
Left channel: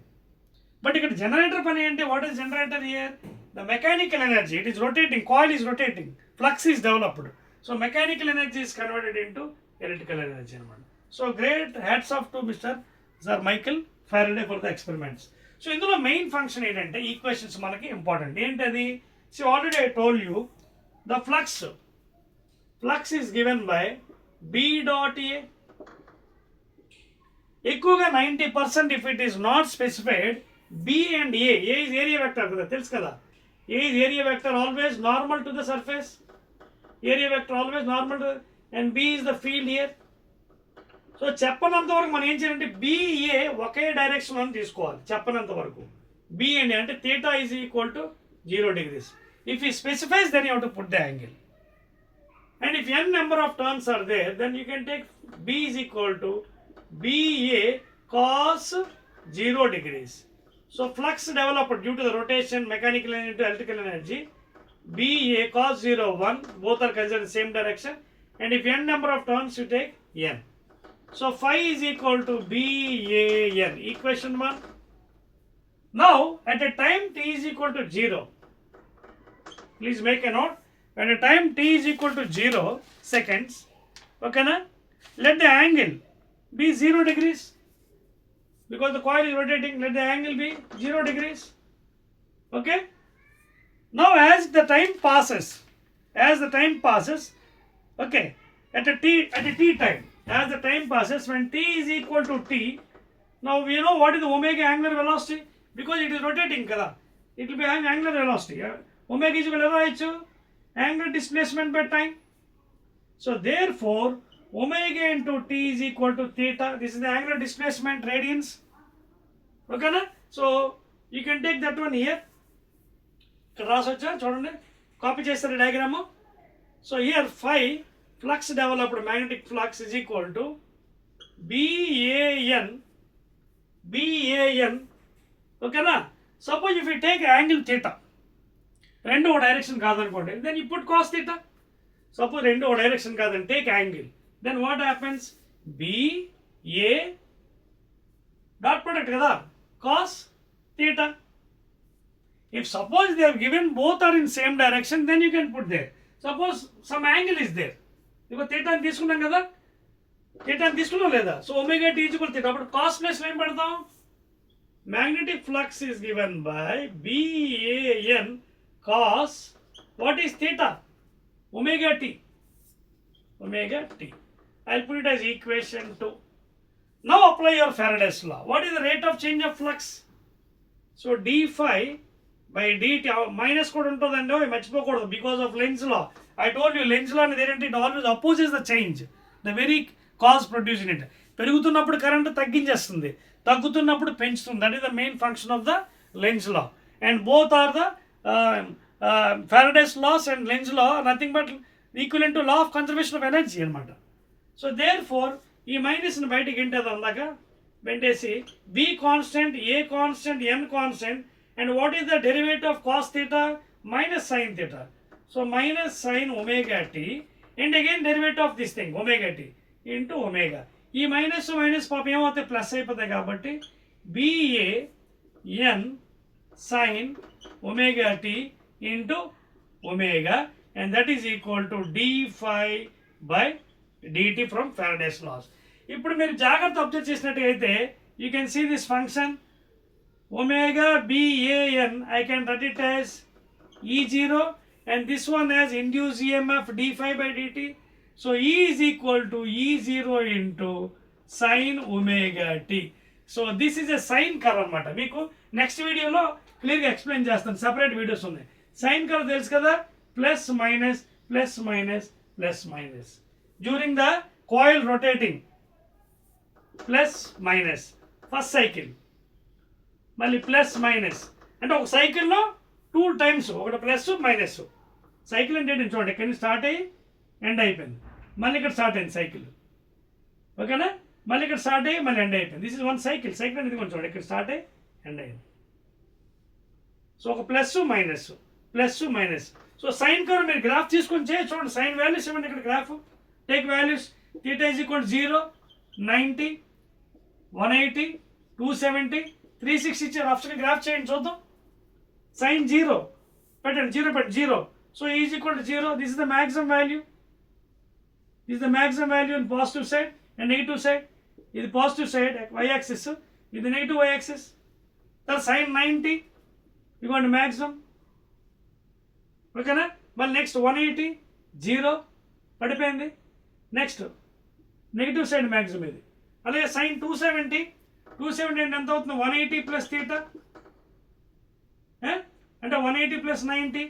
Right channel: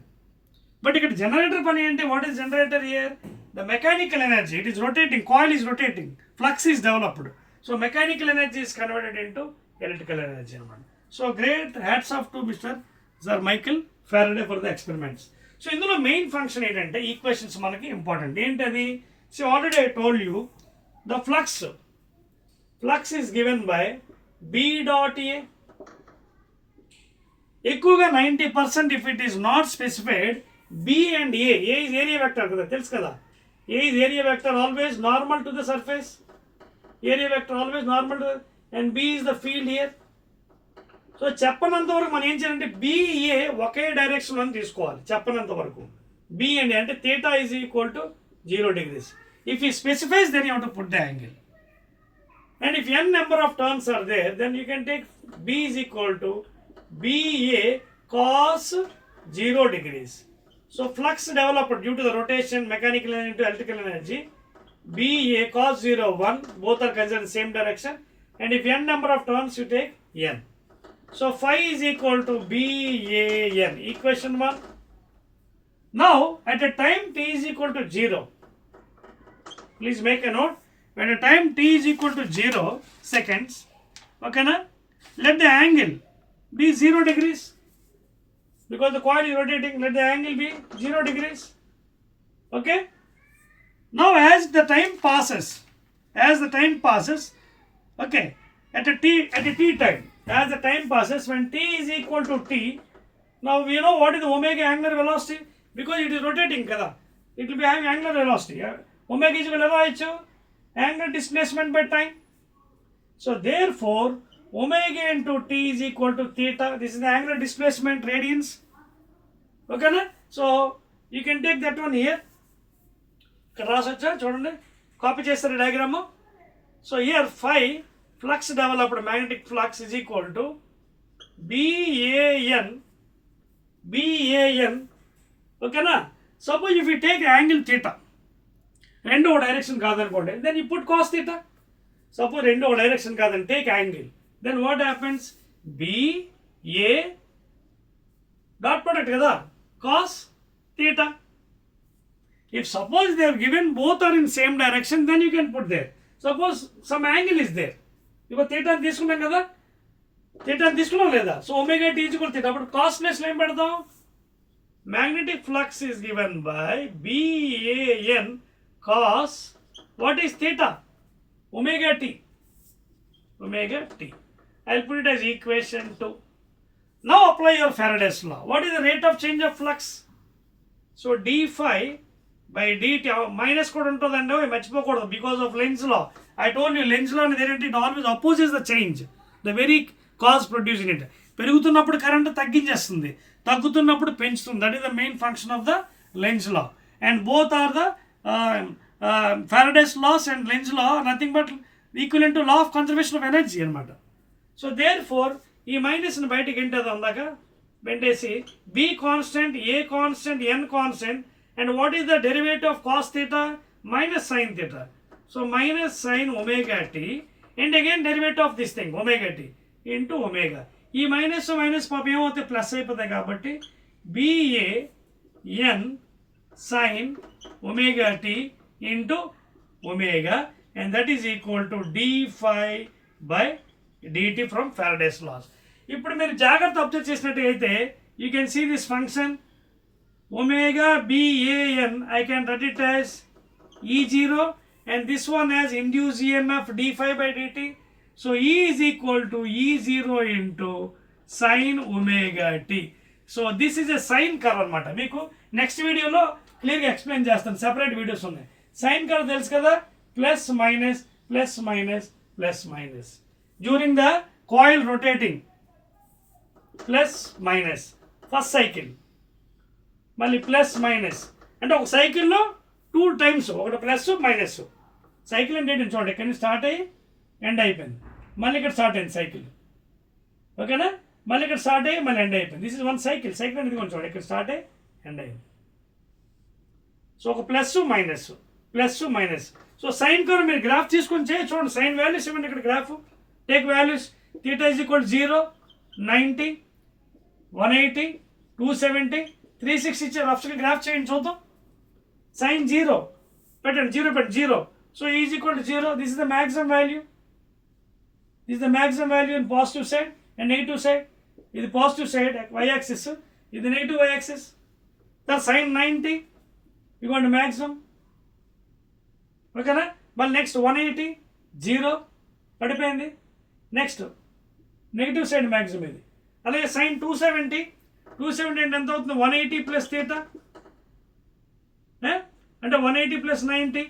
బట్ ఇక్కడ జనరేటర్ పని అంటే what is generator here? The mechanical energy, it is rotating, coil is rotating, flux is developed. So mechanical energy is converted into electrical energy అనమాట. So great hats off to mister sir Michael Faraday for the experiments. So ఇందులో main function ఏంటంటే equations మనకి important. ఏంటది? So already I told you the flux is given by B dot A. ఎక్కువగా 90% if it is not specified B and A is area vector కదా, తెలుసు కదా. A is area vector always normal to the surface, area vector always normal to, and B is the field here. So చెప్పనంత వరకు మనం ఏం చేయాలంటే బిఏ ఒకే డైరెక్షన్ అని తీసుకోవాలి. చెప్పనంత వరకు బి అండ్ అంటే theta is equal to 0 degrees. If he specifies then you have to put the angle. And if n number of turns are there then you can take B is equal to BA cos 0 degrees. So flux developed due to the rotation, mechanical energy into electrical energy, BA cos 0 1, both are considered in the same direction. And if n number of turns you take n. So phi is equal to BAN, equation 1. Now at a time t is equal to 0, please make a note, at a time t is equal to 0 seconds, okay na, let the angle be 0 degrees because the coil is rotating. Let the angle be 0 degrees. Okay. Now as the time passes, okay, at a t time, as the time passes, when t is equal to t, now we know what is the omega angular velocity because it is rotating kada, it will be having angular velocity. Omega is equal to angular displacement by time. So therefore omega into t is equal to theta. This is the angular displacement radians. Okay na? So you can take that one here. రాసొచ్చా చూడండి, కాపీ చేస్తారు diagram. So here phi, flux developed, magnetic flux is equal to BAN. ఓకేనా? Suppose if you take angle theta, రెండు ఒక direction కాదనుకోండి, then you put cos theta. Suppose రెండు ఒక direction కాదని take angle, then what happens? BA dot product kada cos theta. If suppose they are given both are in same direction, then you can put there. Suppose some angle is there, because theta తీసుకున్నాం కదా, theta తీసుకున్నాం లేదా, so omega t is equal to theta. అప్పుడు cos plus ఏం పెడతాం? Magnetic flux is given by BAN cos what is theta? Omega t. I'll put it as equation 2. Now apply your Faraday's law. What is the rate of change of flux? So d phi by dt minus కూడా ఉంటుందండి, మర్చిపోకూడదు because of Lenz law. I told you Lenz law అనేది ఏంటంటే it always opposes the change, the very cause producing it. పెరుగుతున్నప్పుడు కరెంట్ తగ్గించేస్తుంది, తగ్గుతున్నప్పుడు పెంచుతుంది. That is the main function of the Lenz law. And both are the Faraday's laws and Lenz law are nothing but equivalent to law of conservation of energy అనమాట. So therefore E మైనస్ని బయటకి ఎంటది అందాక వెంటేసి B constant, A constant, N constant, and what is the derivative of cos theta? Minus sine theta. So minus sine omega t and again derivative of this thing omega t into omega. ఈ minus పాపం ఏమవుతాయి? Plus అయిపోతాయి. కాబట్టి BA N sine omega t into omega, and that is equal to d phi by dt from Faraday's laws. ఇప్పుడు మీరు జాగ్రత్త అబ్జర్వ్ చేసినట్టయితే you can see this function. omega BAN, I can write it as E0, and this one as induced EMF d phi by dt. So E is equal to E0 into sin omega t. So this is a sine curve అనమాట. మీకు నెక్స్ట్ వీడియోలో క్లియర్గా ఎక్స్ప్లెయిన్ చేస్తాను, separate videos ఉన్నాయి. Sign curve తెలుసు కదా, plus minus plus minus plus minus during the coil rotating, plus minus first cycle, మళ్ళీ plus minus అంటే ఒక సైకిల్లో 2 times, ఒకటి ప్లస్ మైనస్. సైకిల్ అంటే ఏంటి చూడండి, ఇక్కడ స్టార్ట్ అయ్యి ఎండ్ అయిపోయింది, మళ్ళీ ఇక్కడ స్టార్ట్ అయింది సైకిల్, ఓకేనా, మళ్ళీ ఇక్కడ స్టార్ట్ అయ్యి మళ్ళీ ఎండ్ అయిపోయింది. This is one cycle. Cycle అనేది కొంచెం చూడండి, ఇక్కడ స్టార్ట్ అయ్యి ఎండ్ అయ్యింది. సో ఒక plus minus plus minus. So sine curve మీరు గ్రాఫ్ తీసుకొని చేయ చూడండి, సైన్ వాల్యూస్ ఇవ్వండి ఇక్కడ graph, take values. Theta is equal 0, 90, 180, 270, 360 ఇచ్చే రఫ్గా గ్రాఫ్ చేయండి చూద్దాం. సైన్ 0 పెట్టండి, 0 పెట్టి 0. So is equal to 0. This is the maximum value. This the maximum value in positive side and negative side. ఇది పాజిటివ్ సైడ్ వై యాక్సిస్, ఇది నెగిటివ్ వై యాక్సిస్. తర్వాత సైన్ 90 ఇవ్వండి మ్యాక్సిమం, ఓకేనా. మళ్ళీ నెక్స్ట్ 180, 0 పడిపోయింది. నెక్స్ట్ నెగిటివ్ సైడ్ మ్యాక్సిమం ఇది. అలాగే సైన్ 270 అంటే ఎంత అవుతుంది, 180 ప్లస్ థీటా అంటే 180 ప్లస్ 90.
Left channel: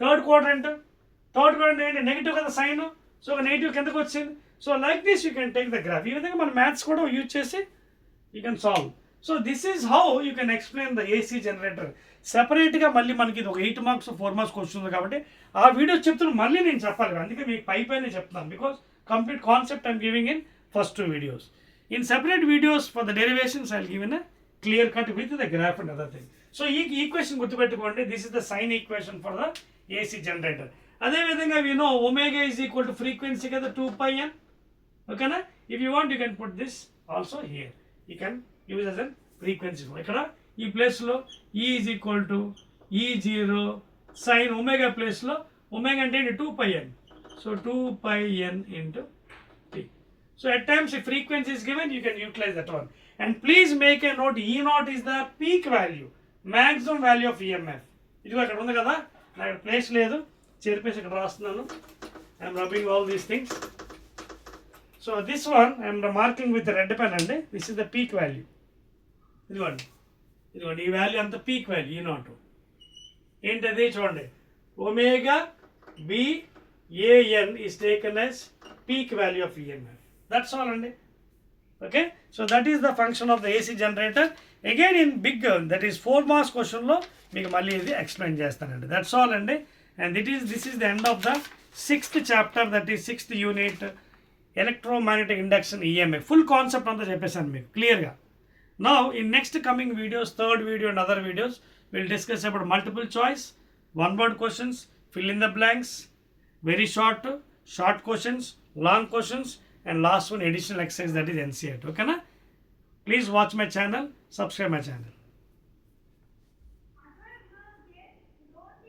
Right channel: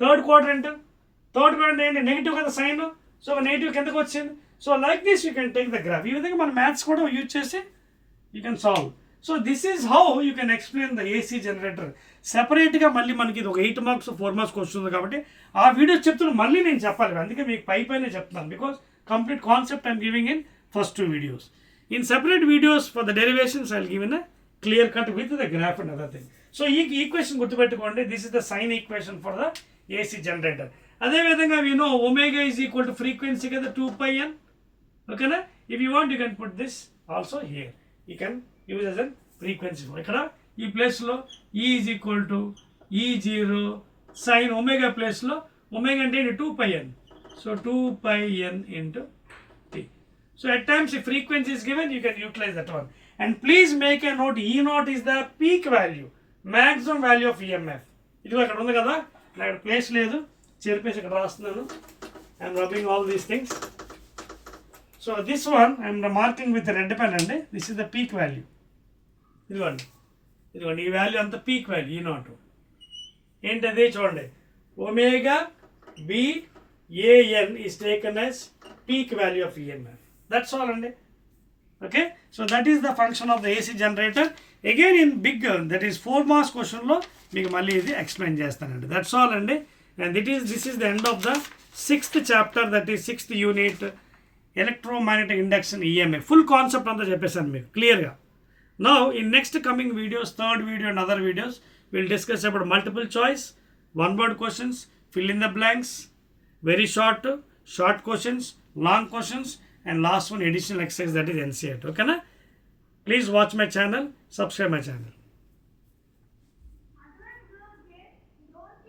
థర్డ్ క్వాడ్రంట్ ఏంటి, నెగిటివ్ కదా సైన్, సో నెగిటివ్ కిందకు వచ్చింది. So like this you can take the graph. ఈ విధంగా మన మ్యాథ్స్ కూడా యూజ్ చేసి you can solve. So this is how you can explain the AC generator. సెపరేట్గా మళ్ళీ మనకి ఇది ఒక 8 marks 4 marks వస్తుంది కాబట్టి ఆ వీడియోస్ చెప్తున్నా మళ్ళీ నేను చెప్పాలి, అందుకే మీకు పైనే చెప్తున్నాను. Because complete concept I'm giving in first 2 videos. In separate videos for the derivations I'll give in a clear cut with the graph and other thing. So ఈ ఈక్వేషన్ గుర్తుపెట్టుకోండి, this is the sine equation for the AC generator. అదేవిధంగా we know omega is equal to frequency కదా 2πn, ఓకేనా. If you want you can put this also here, you can use as a frequency. ఇక్కడ ఈ ప్లేస్లో E is equal to E0 sin omega ప్లేస్లో omega అంటే 2πn, so 2πn into t. So at times if frequency is given, you can utilize that one. And please make a note, E0 is the peak value, maximum value of EMF. ఇది అక్కడ ఉంది కదా, నాకు ప్లేస్ లేదు, చెరిపేసి ఇక్కడ రాస్తున్నాను. I'm rubbing all these things. So this one I'm marking with red pen అండి. This is the peak value. ఇదిగోండి ఈ వాల్యూ అంత పీక్ వాల్యూ E0 ఏంటది చూడండి, omega BAN is taken as peak value of EMF. That's all అండి. Okay, so that is the function of the AC generator. Again in big, that is 4 marks question లో మీకు మళ్ళీ ఇది ఎక్స్ప్లెయిన్ చేస్తానండి. That's all అండి. And this is the end of the 6th chapter, that is 6th unit, electromagnetic induction EMI. Full concept అంతా చెప్పేసాను మీకు క్లియర్గా. Now in next coming videos, 3rd video and other videos, we'll discuss about multiple choice, one word questions, fill in the blanks, very short questions, long questions, and last one additional exercise, that is NCERT. Okay na? Please watch my channel, subscribe my channel.